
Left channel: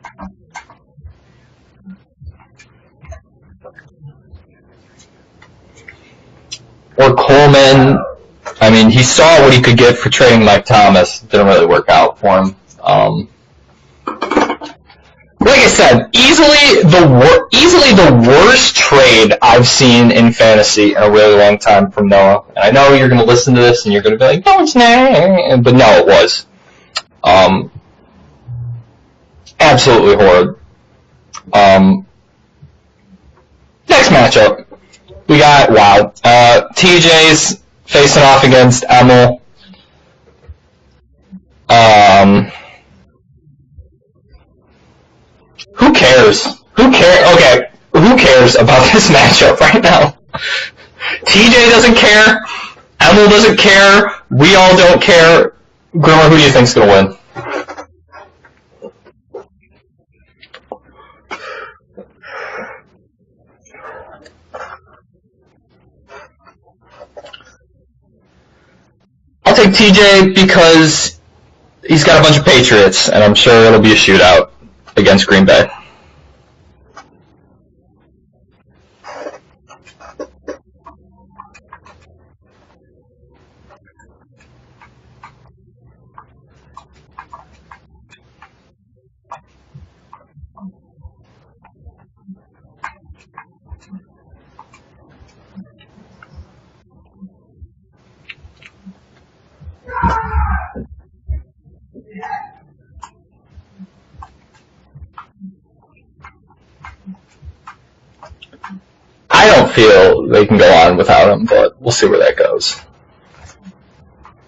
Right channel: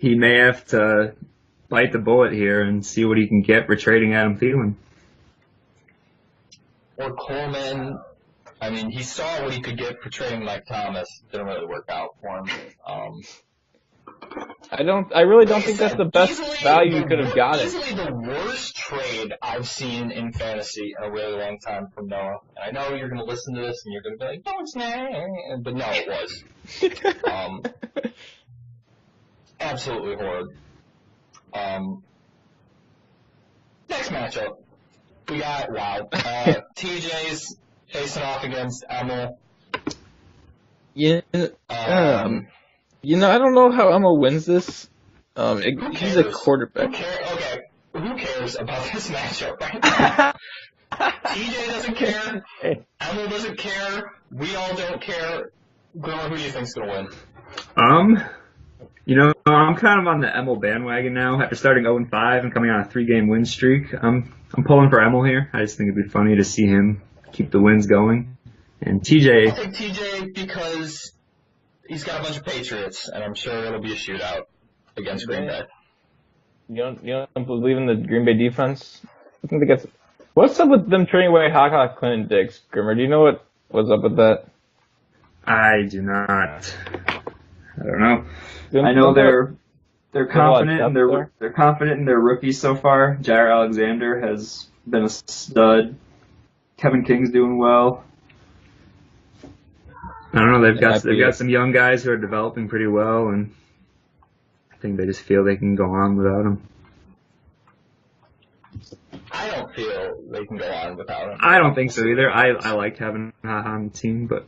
he may have to bite the bullet here and see what he can get for trading Adam Thielen. Or Coleman. I mean, he saw what he could get for trading Mike Thomas. Didn't really work out for him. I really. Like I said, easily the worst trade I've seen in fantasy in a really long time from Noah. And I know you're going to listen to this and you're going to be like, no, it's not. But no, it was. Absolutely horrid. Next matchup, we got TJ's facing off against Emil. Yeah. I don't know how Emil wins this. Who cares? Who cares? Okay, who cares about this matchup right now? TJ doesn't care. Emil doesn't care. We all don't care. Grimmer, who do you think's gonna win? I'm kind of on the Emil bandwagon now. After starting 0-5 and coming on a 3-game win streak, I'm pulling for Emil here. I just think it'd be funny to see him keep the wins going. And TJ... I'll take TJ because he's got a bunch of Patriots, and I'm sure it'll be a shootout against Green Bay. You don't believe in the Green Bay defense? I think what's up with them trading away Hawk, Clinton, Diggs? Grimmer, do you know what's up with that? I do not. I don't know. I know they're confident in they're confident in their rookies so far. Jair Alexander has been a stud. Kevin King's doing well. I don't know. They've got some young guys who are developing pretty well, and I think they just feel they can go on without him. I don't feel they can go on without him. I don't think we'll see where that goes. I like having on the team, but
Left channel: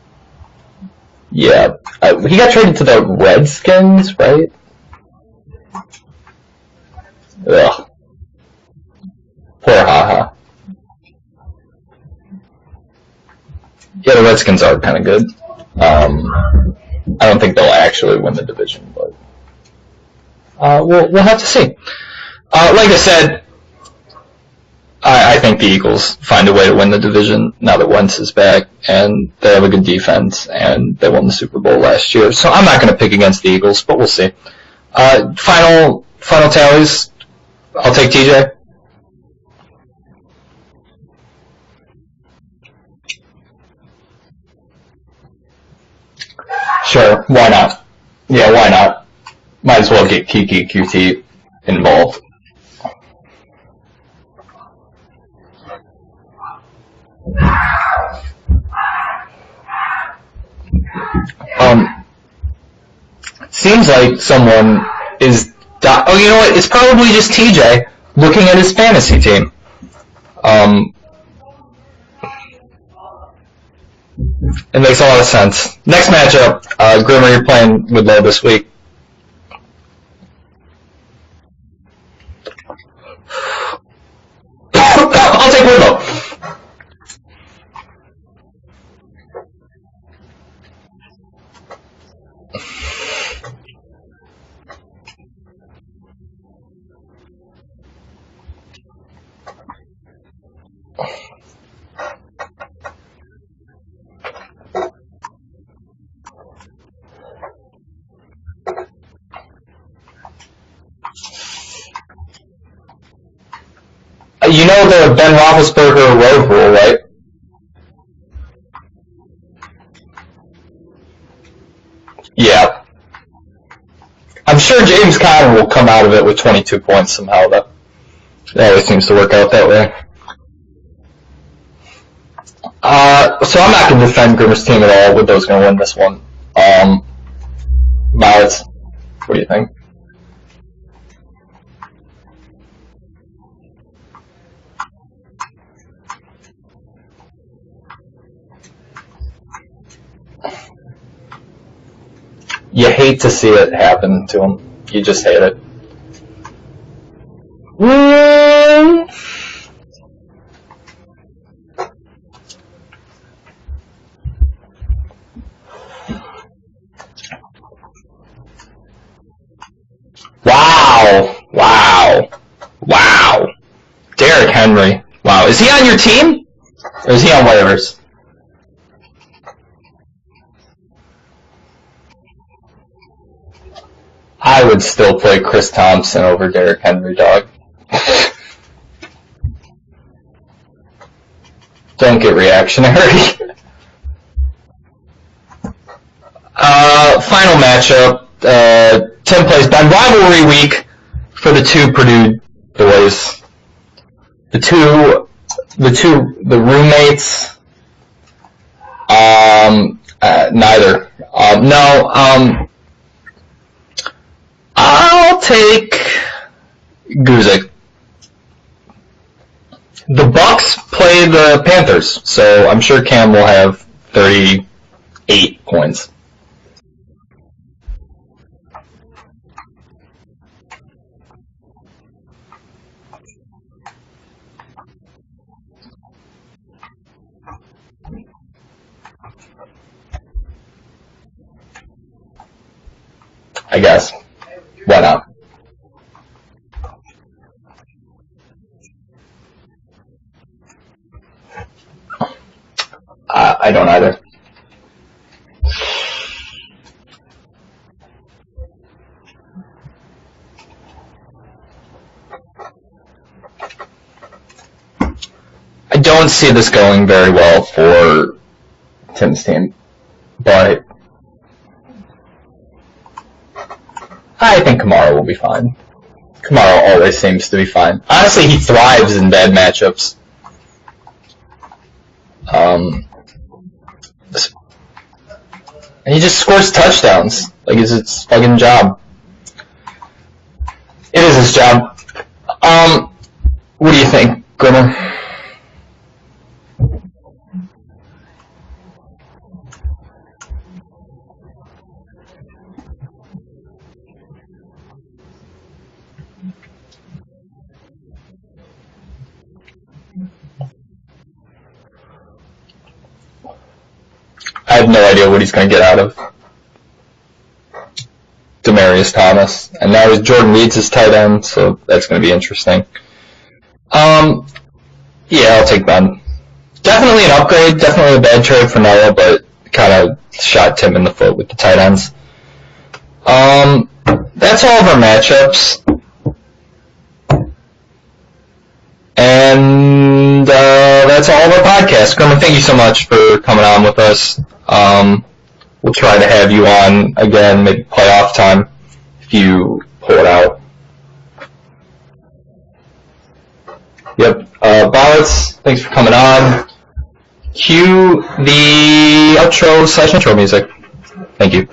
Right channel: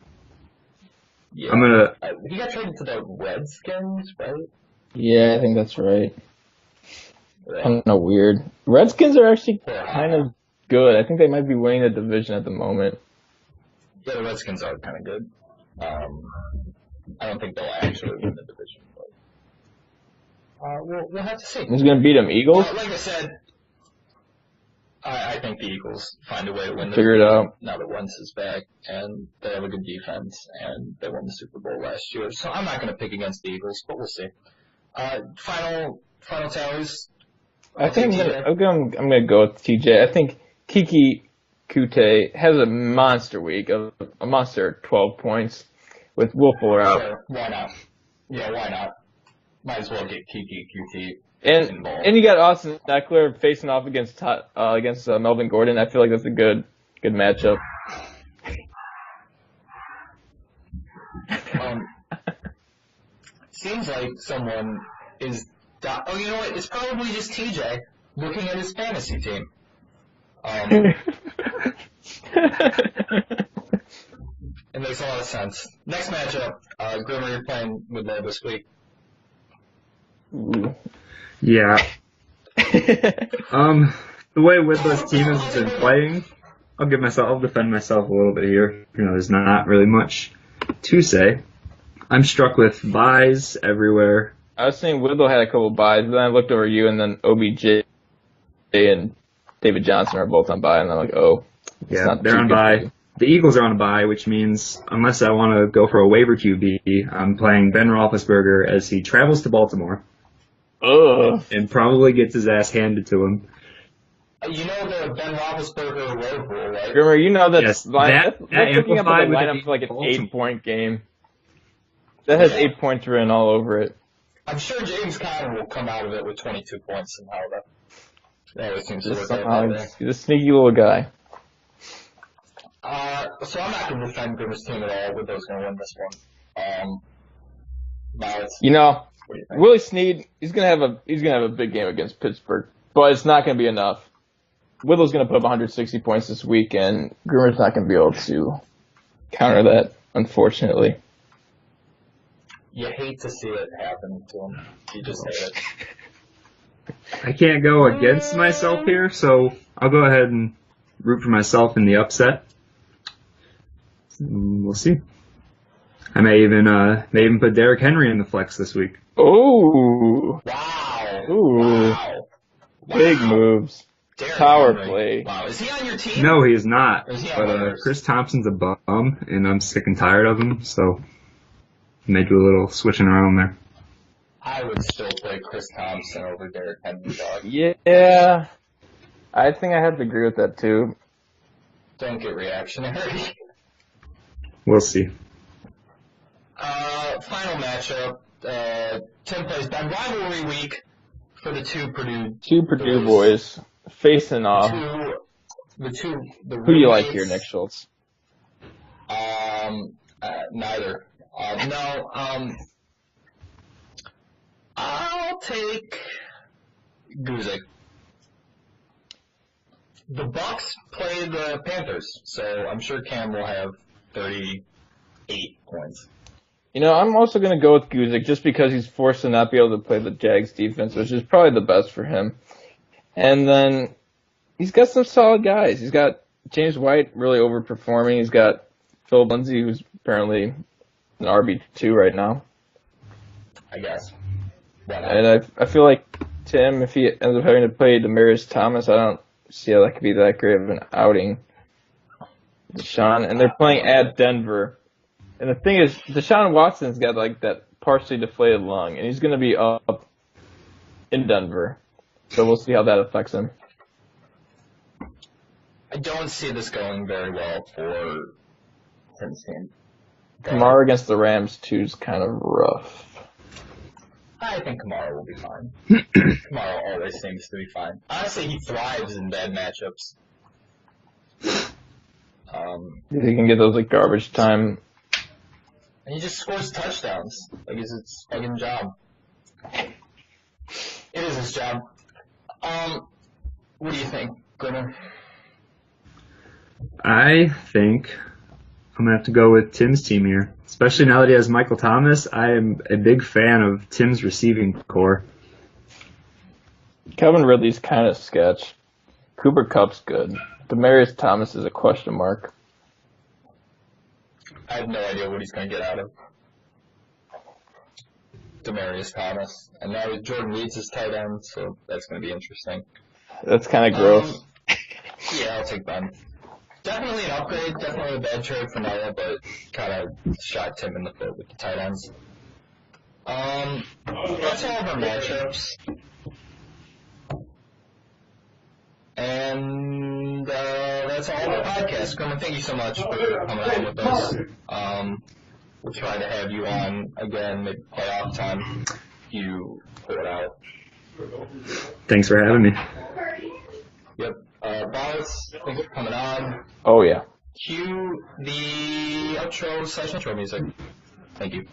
yeah, he got traded to the Redskins, right? Yeah, I think that's right. Ugh. Kind of weird. Redskins are actually good. I think they might be winning the division at the moment. Yeah, the Redskins are kind of good. I don't think they'll actually win the division, but we'll have to see. Who's going to beat them, Eagles? Like I said, I think the Eagles find a way to win the division now that Wentz is back, and they have a good defense, and they won the Super Bowl last year. So I'm not going to pick against the Eagles, but we'll see. Final tallies. I'll take TJ. I'm going to go with TJ. I think Kiki Kute has a monster week, a monster 12 points with Will Ferrell. Sure, why not? Yeah, why not? Might as well get Kiki Qt involved. And you got Austin Eckler facing off against Melvin Gordon. I feel like that's a good matchup. Seems like someone is... Oh, you know what? It's probably just TJ looking at his fantasy team. It makes a lot of sense. Next matchup, Grimmer, you're playing with Lowe this week. Yeah. The way Will... I'll take Willow. I'll defend myself a little bit here. There's not really much to say. I'm struck with buys everywhere. I was saying Whittle had a couple buys, but then I looked over you, and then OBJ and David Johnson are both on buy, and I'm like, oh. Yeah, they're on buy. The Eagles are on a bye, which means unless I want to go for a waiver QB, I'm playing Ben Roethlisberger as he travels to Baltimore. Ugh. And probably gets his ass handed to him. You know the Ben Roethlisberger road rule, right? Remember, you know that yes, that's looking up the lineup for like an 8-point game. That has 8 points written all over it. I'm sure James Conner will come out of it with 22 points somehow. That always seems to work out that way. He's a sneaky little guy. So I'm not going to defend Grimmer's team at all. Widow's going to win this one. What do you think? Willie Snead, he's gonna have a big game against Pittsburgh, but it's not gonna be enough. Whittle's gonna put up 160 points this week, and Grimmer's not gonna be able to counter that, unfortunately. You hate to see it happen to him. You just hate it. I can't go against myself here, so I'll go ahead and root for myself in the upset. We'll see. I may even put Derrick Henry in the flex this week. Oh! Wow! Ooh. Wow! Derrick Henry. Wow. Is he on your team? No, he is not. Or is he on waivers? Chris Thompson's a bum, and I'm sick and tired of him, so I may do a little switching around there. I would still play Chris Thompson over Derrick Henry, dog. Yeah. I think I have to agree with that, too. Don't get reactionary. We'll see. Final matchup, Tim plays Ben. Rivalry week for the two Purdue boys. Facing off. The roommates. Neither. No. I'll take Guzik. The Bucks play the Panthers, so I'm sure Cam will have 38 points. You know, I'm also going to go with Guzik just because he's forced to not be able to play the Jags defense, which is probably the best for him. And then he's got some solid guys. He's got James White really overperforming. He's got Phil Lindsay, who's apparently an RB2 right now. I guess. Why not? And I feel like Tim, if he ends up having to play Demaryius Thomas, I don't see how that could be that great of an outing. Deshaun, and I don't either. Denver. And the thing is, Deshaun Watson's got like that partially deflated lung, and he's going to be up in Denver. So we'll see how that affects him. I don't see this going very well for Tim's team. But Kamara against the Rams, too, is kind of rough. I think Kamara will be fine. Kamara always seems to be fine. Honestly, he thrives in bad matchups. He can get those like garbage time. And he just scores touchdowns. Like, it's his fucking job. It is his job. What do you think, Grimmer? I think I'm going to have to go with Tim's team here. Especially now that he has Michael Thomas, I am a big fan of Tim's receiving core. Calvin Ridley's kind of sketch. Cooper Kupp's good. Demaryius Thomas is a question mark. I have no idea what he's going to get out of Demaryius Thomas. And now Jordan Reed's his tight end, so that's going to be interesting. That's kind of good. Yeah, I'll take Ben. Definitely an upgrade, definitely a bad trade for Noah, but kind of shot Tim in the foot with the tight ends. That's all of our matchups. And that's all of our podcast. Grimmer, thank you so much for coming on with us. We'll try to have you on again, maybe playoff time, if you pull it out. Thanks for having me. Yep. Ballots, thanks for coming on. Oh, yeah. Cue the outro/intro music. Thank you.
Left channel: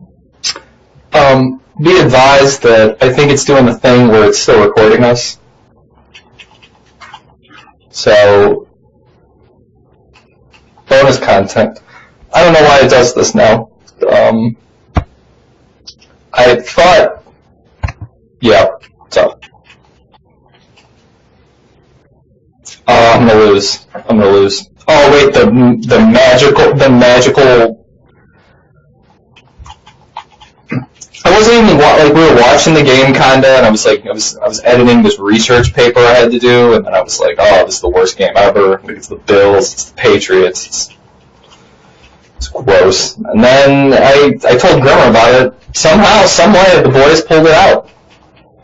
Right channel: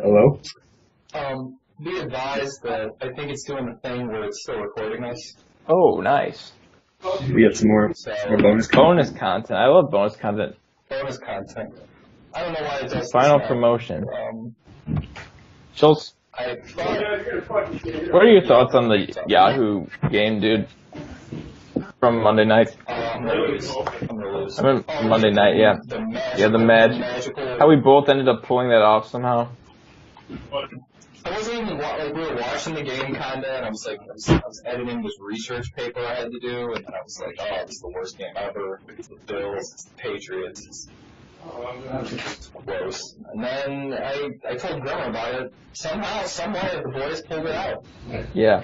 Hello? Be advised that I think it's doing the thing where it's still recording us. Oh, nice. We have some more. So Bonus content. I love bonus content. bonus content. I don't know why it does this now. Promotion. Schultz, I thought. what are your thoughts on the Yahoo game, dude? From Monday night. I'm gonna lose. Oh wait, the magical. We both ended up pulling that off somehow. I wasn't even we were watching the game kinda, and I was editing this research paper I had to do, and then I was like, oh, this is the worst game ever. It's the Bills, it's the Patriots, it's gross. And then I told Grimmer about it. Somehow, someway, the boys pulled it out. Yeah.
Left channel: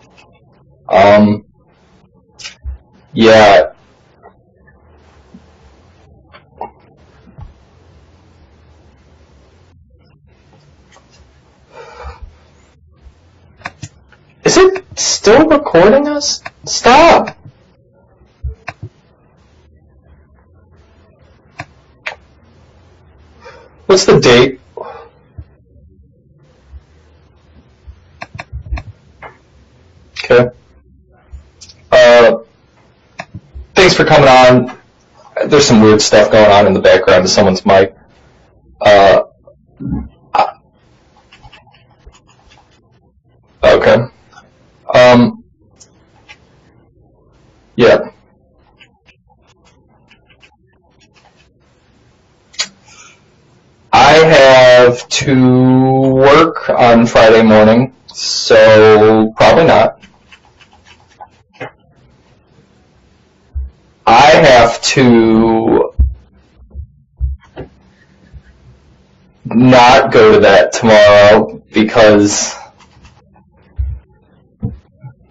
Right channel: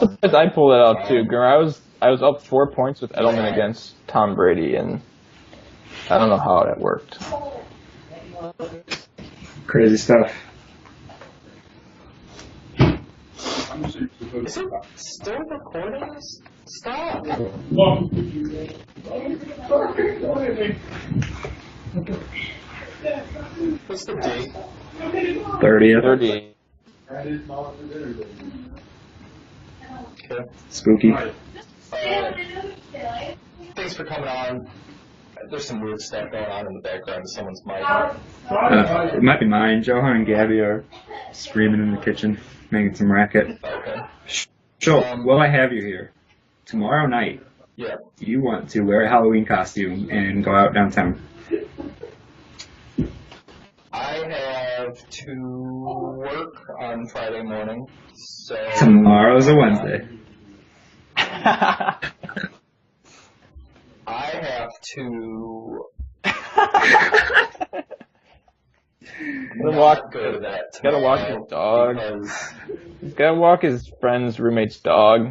I pulled it out. I was up 4 points with against Tom Brady, and I don't know how that worked. Crazy stuff. Is it still recording us? Stop! What's the date? 30th. 38. Okay. Spooky. Thank thanks for coming on. There's some weird stuff going on in the background of someone's mic. It might be mine. Johan and Gabby are screaming in the kitchen, making some racket. Okay. So, while I have you here, tomorrow night, yeah, you want to wear a Halloween costume and go out downtown. I have to work on Friday morning, so Tomorrow's probably Friday. not. I have to not go to that tomorrow because... He's gotta walk his friend's roommate's dog.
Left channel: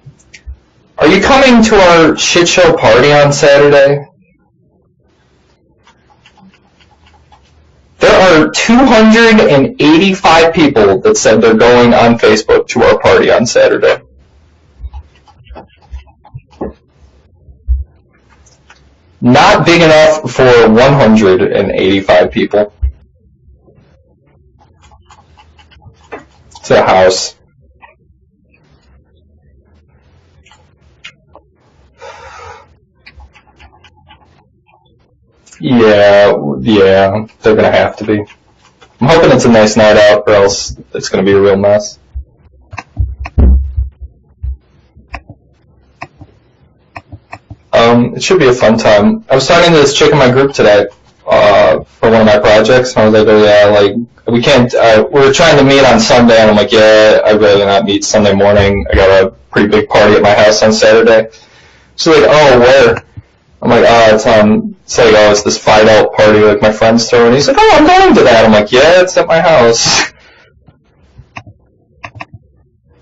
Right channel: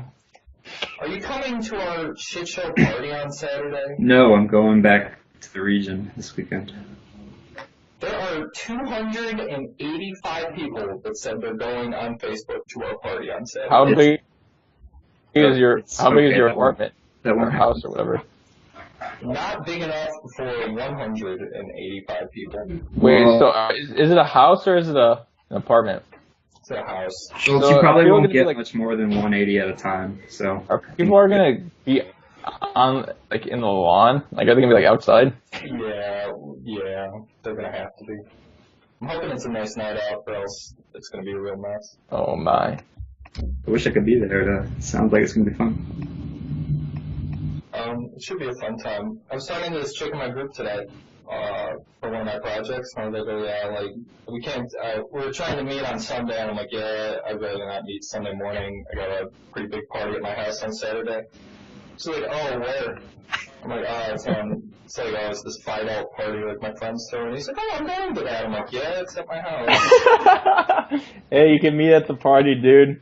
Are you coming to our shit show party on Saturday? No, I'm going back to the region this weekend. There are 285 people that said they're going on Facebook to our party on Saturday. How big is your apartment? That Or won't house or whatever? Not big enough for 185 people. Wait, so is it a house or is it an apartment? It's a house. Well, So you probably people won't gonna get like- much more than 180 at a time. So Are people gonna be on like in the lawn? Like are they gonna be like outside? Yeah, they're gonna have to be. I'm hoping it's a nice night out, or else it's gonna be a real mess. Oh my. I wish I could be there. It sounds like it's gonna be fun. It should be a fun time. I was talking to this chick in my group today for one of my projects, and I was like, oh yeah, like, we can't, we're trying to meet on Sunday, and I'm like, yeah, I'd rather not meet Sunday morning. I got a pretty big party at my house on Saturday. She's like, oh, where? I'm like, it's it's this Fight Out party like my friends throw, and he's like, oh, I'm going to that. I'm like, yeah, it's at my house. Hey, you can meet at the party, dude.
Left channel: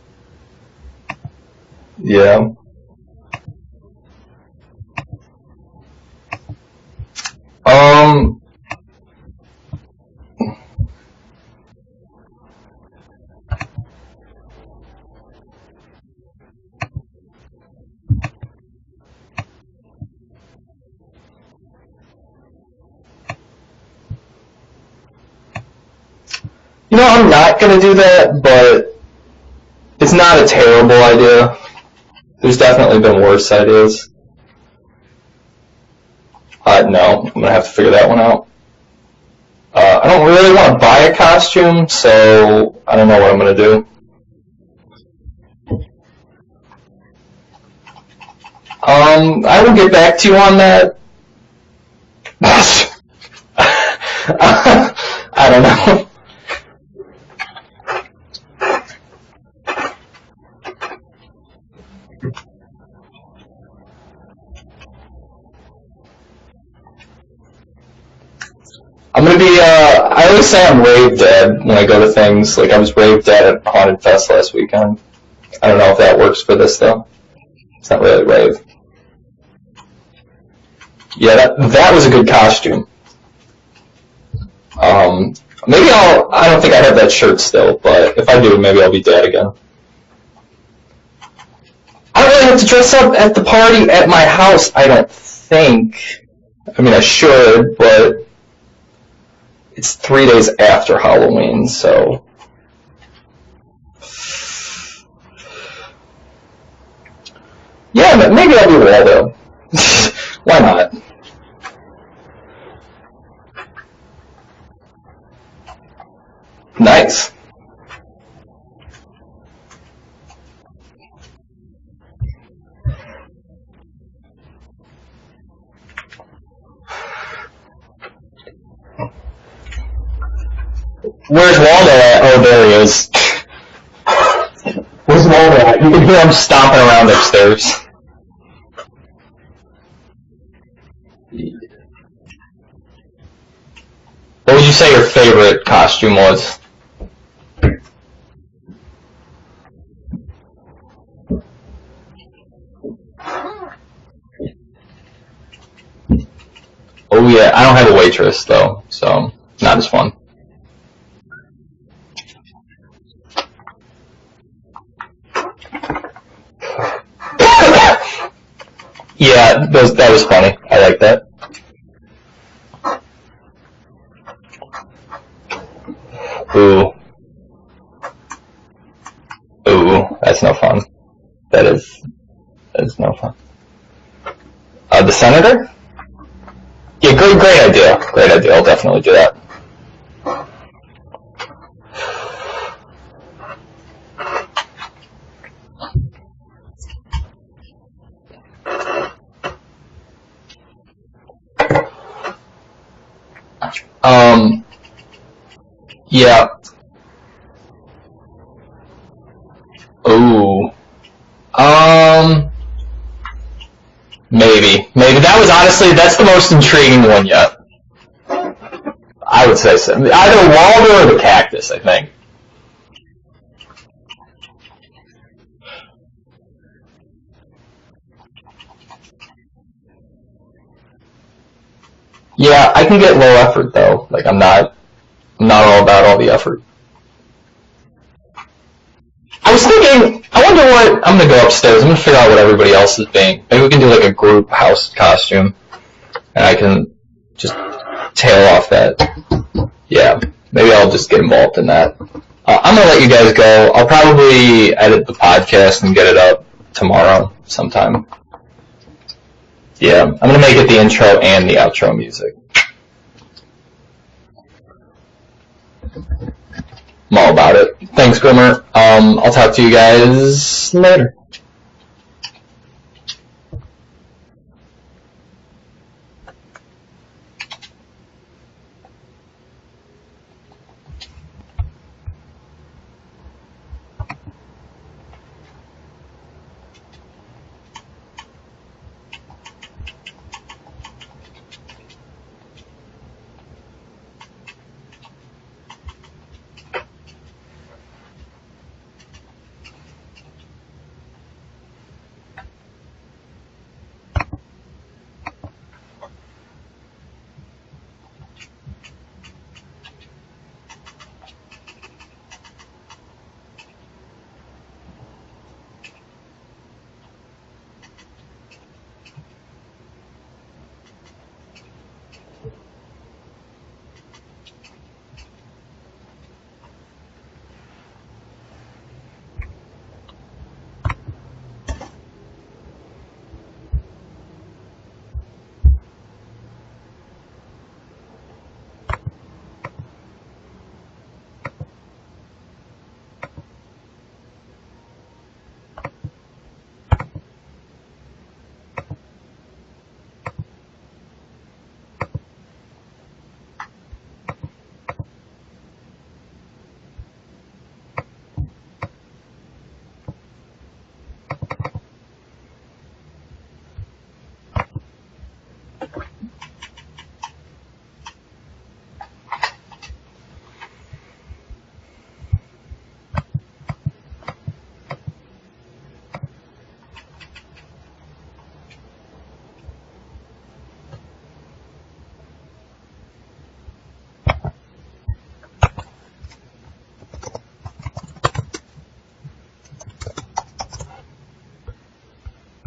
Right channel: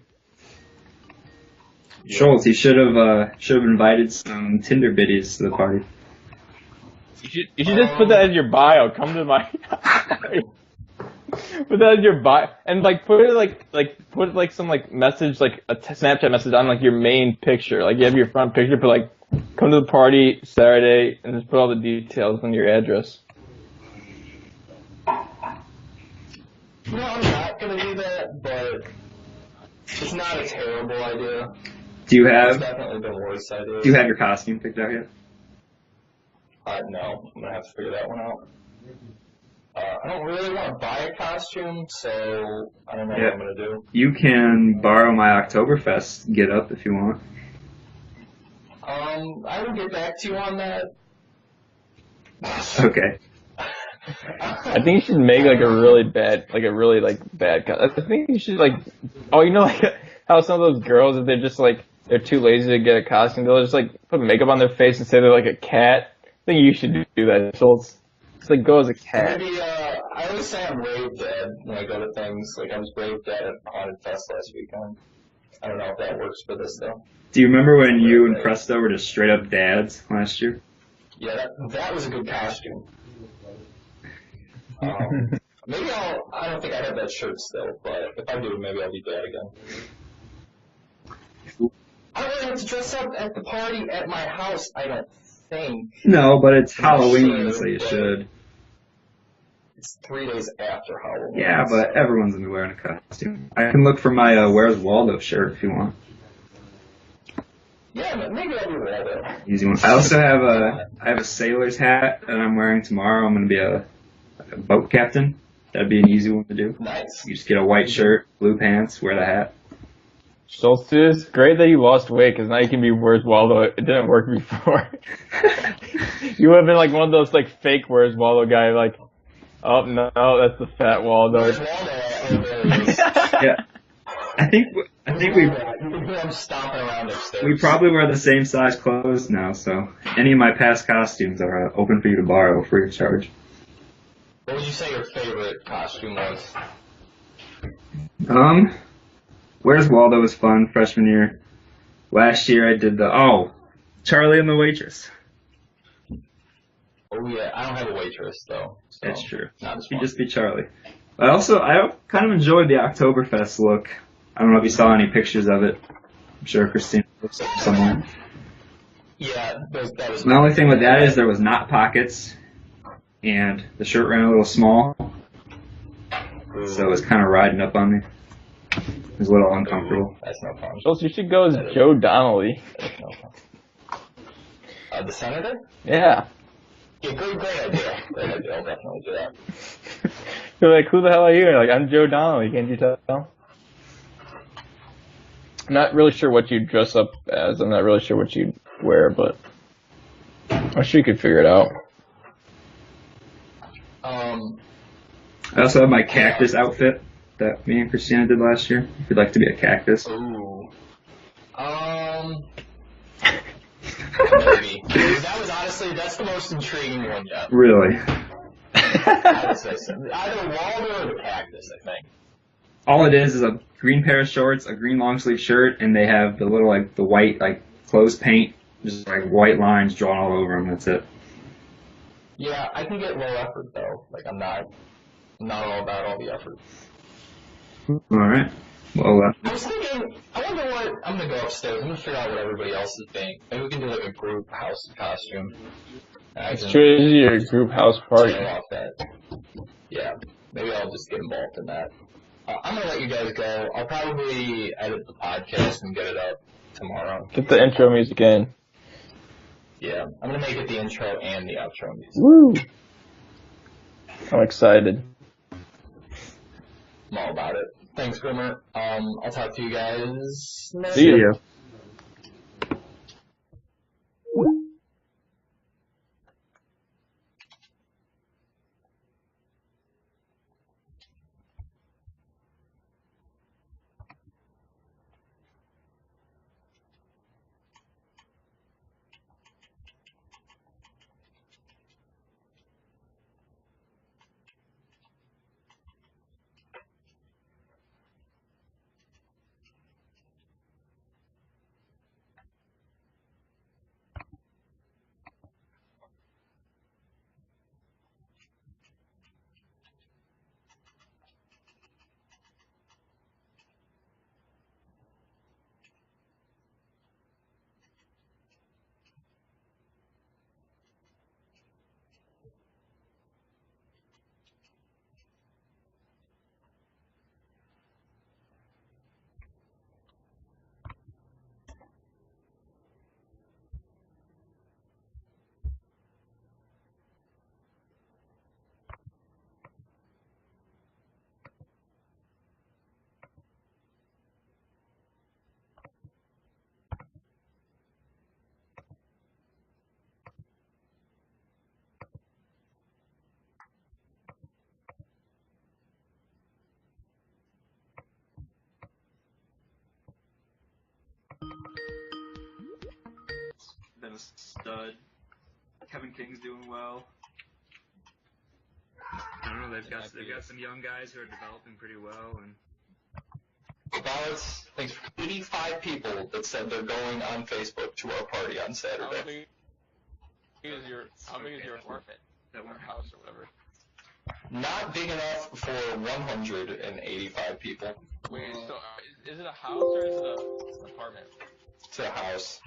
Yeah. You should have invited some Tinder biddies to the party. You should put that in your bio. Come to my put that in your bio and like put it put some like message like a Snapchat message on like your main picture. Like you have your front picture, but like come to the party Saturday and just put all the details on your address. You know, I'm not gonna do that, but it's not a terrible idea. There's definitely been worse ideas. Do you have your costume picked out yet? No, I'm gonna have to figure that one out. I don't really want to buy a costume, so I don't know what I'm gonna do. You can borrow my Oktoberfest get up if you want. I will get back to you on that. Okay. I think you should make I don't know. a really bad costume. I think you should like, oh, you know like, how some of those girls, if they're just like, they're too lazy to get a costume, they'll just like put makeup on their face and say they're like a cat. I think you should do that. So it's like go as a cat. I'm gonna be, I always say I'm rave dead when I go to things. Like, I was rave dead at Haunted Fest last weekend. I don't know if that works for this, though. Do you remember when not you really and rave. Krista were just straight up dads last year? Yeah, that was a good costume. Maybe I don't think I have that shirt still, but if I do, maybe I'll be dad again. I don't really have to dress up at the party at my house, I don't think. No, but it's. I mean, I Halloween, should, but it's 3 days after Halloween, yeah, but so... everyone's gonna be wearing a costume. I can look for my Where's Waldo shirt if you want. Yeah, but maybe I'll be Waldo. Easy one. I also have Why not? I have a sailor's hat that I'm wearing tomorrow. I'm gonna be a boat captain. That'd be an easy one to do. Nice. You just get a white shirt, blue pants, wear the hat. So it's great that you lost weight because now you can be Where's Waldo. It didn't work before. You would have been like one of those like fake Where's Waldo guy. Like, oh no, that's the fat Waldo. Where's Waldo at? Oh, there he is. Yeah. I think Where's Waldo at? You can hear him stomping around I upstairs. probably wear the same size clothes now, so any of my past costumes are open for you to borrow free of charge. What would you say your favorite costume was? Where's Waldo was fun freshman year. Last year I did Charlie and the Waitress. Oh yeah, I don't have a waitress though, so Sure. not as fun. Just be Charlie. But also, I kind of enjoyed the Oktoberfest look. I don't know if you saw any pictures of it. I'm sure Christine. Yeah, that was The funny. only thing I with like that is that. there was not pockets, and the shirt ran a little small, so it Ooh, was kind of riding up on me. It was a little uncomfortable. ooh, that's no fun. So you should go as That is- Joe Donnelly. That's no fun. The senator? Yeah. Yeah, great idea. Great idea. I'll definitely do that. You're like, who the hell are you? Like, I'm Joe Donnelly. Can't you tell? I'm not really sure what you'd dress up as. I'm not really sure what you'd wear, but I'm sure you could figure it out. I also have my cactus outfit that me and Christina did last year. If you'd like to be a cactus. Ooh. Maybe. That was honestly, that's the most intriguing one yet. Really? I would say so. Either Waldo or the cactus, I think. All it is a green pair of shorts, a green long sleeve shirt, and they have the little, like, the white, like, clothes paint, just, like, white lines drawn all over them. That's it. Yeah, I can get low effort, though. Like, I'm not all about all the effort. Alright. Well, I was thinking, I wonder what, I'm going to go upstairs, I'm going to figure out what everybody else is being. Maybe we can do, like, a group house costume. And I can just tail off that. Yeah, maybe I'll just get involved in that. I'm going to let you guys go. I'll probably edit the podcast and get it up tomorrow. Get the intro music in. Yeah, I'm going to make it the intro and the outro music. Woo. I'm excited. I'm all about it. Thanks, Grimmer. I'll talk to you guys later. see ya. Thanks for 85 people that said they're going on Facebook to our party on Saturday. How big is your apartment? Or house or whatever? Not big enough for 185 people. So, is it a house or is it an apartment? It's a house.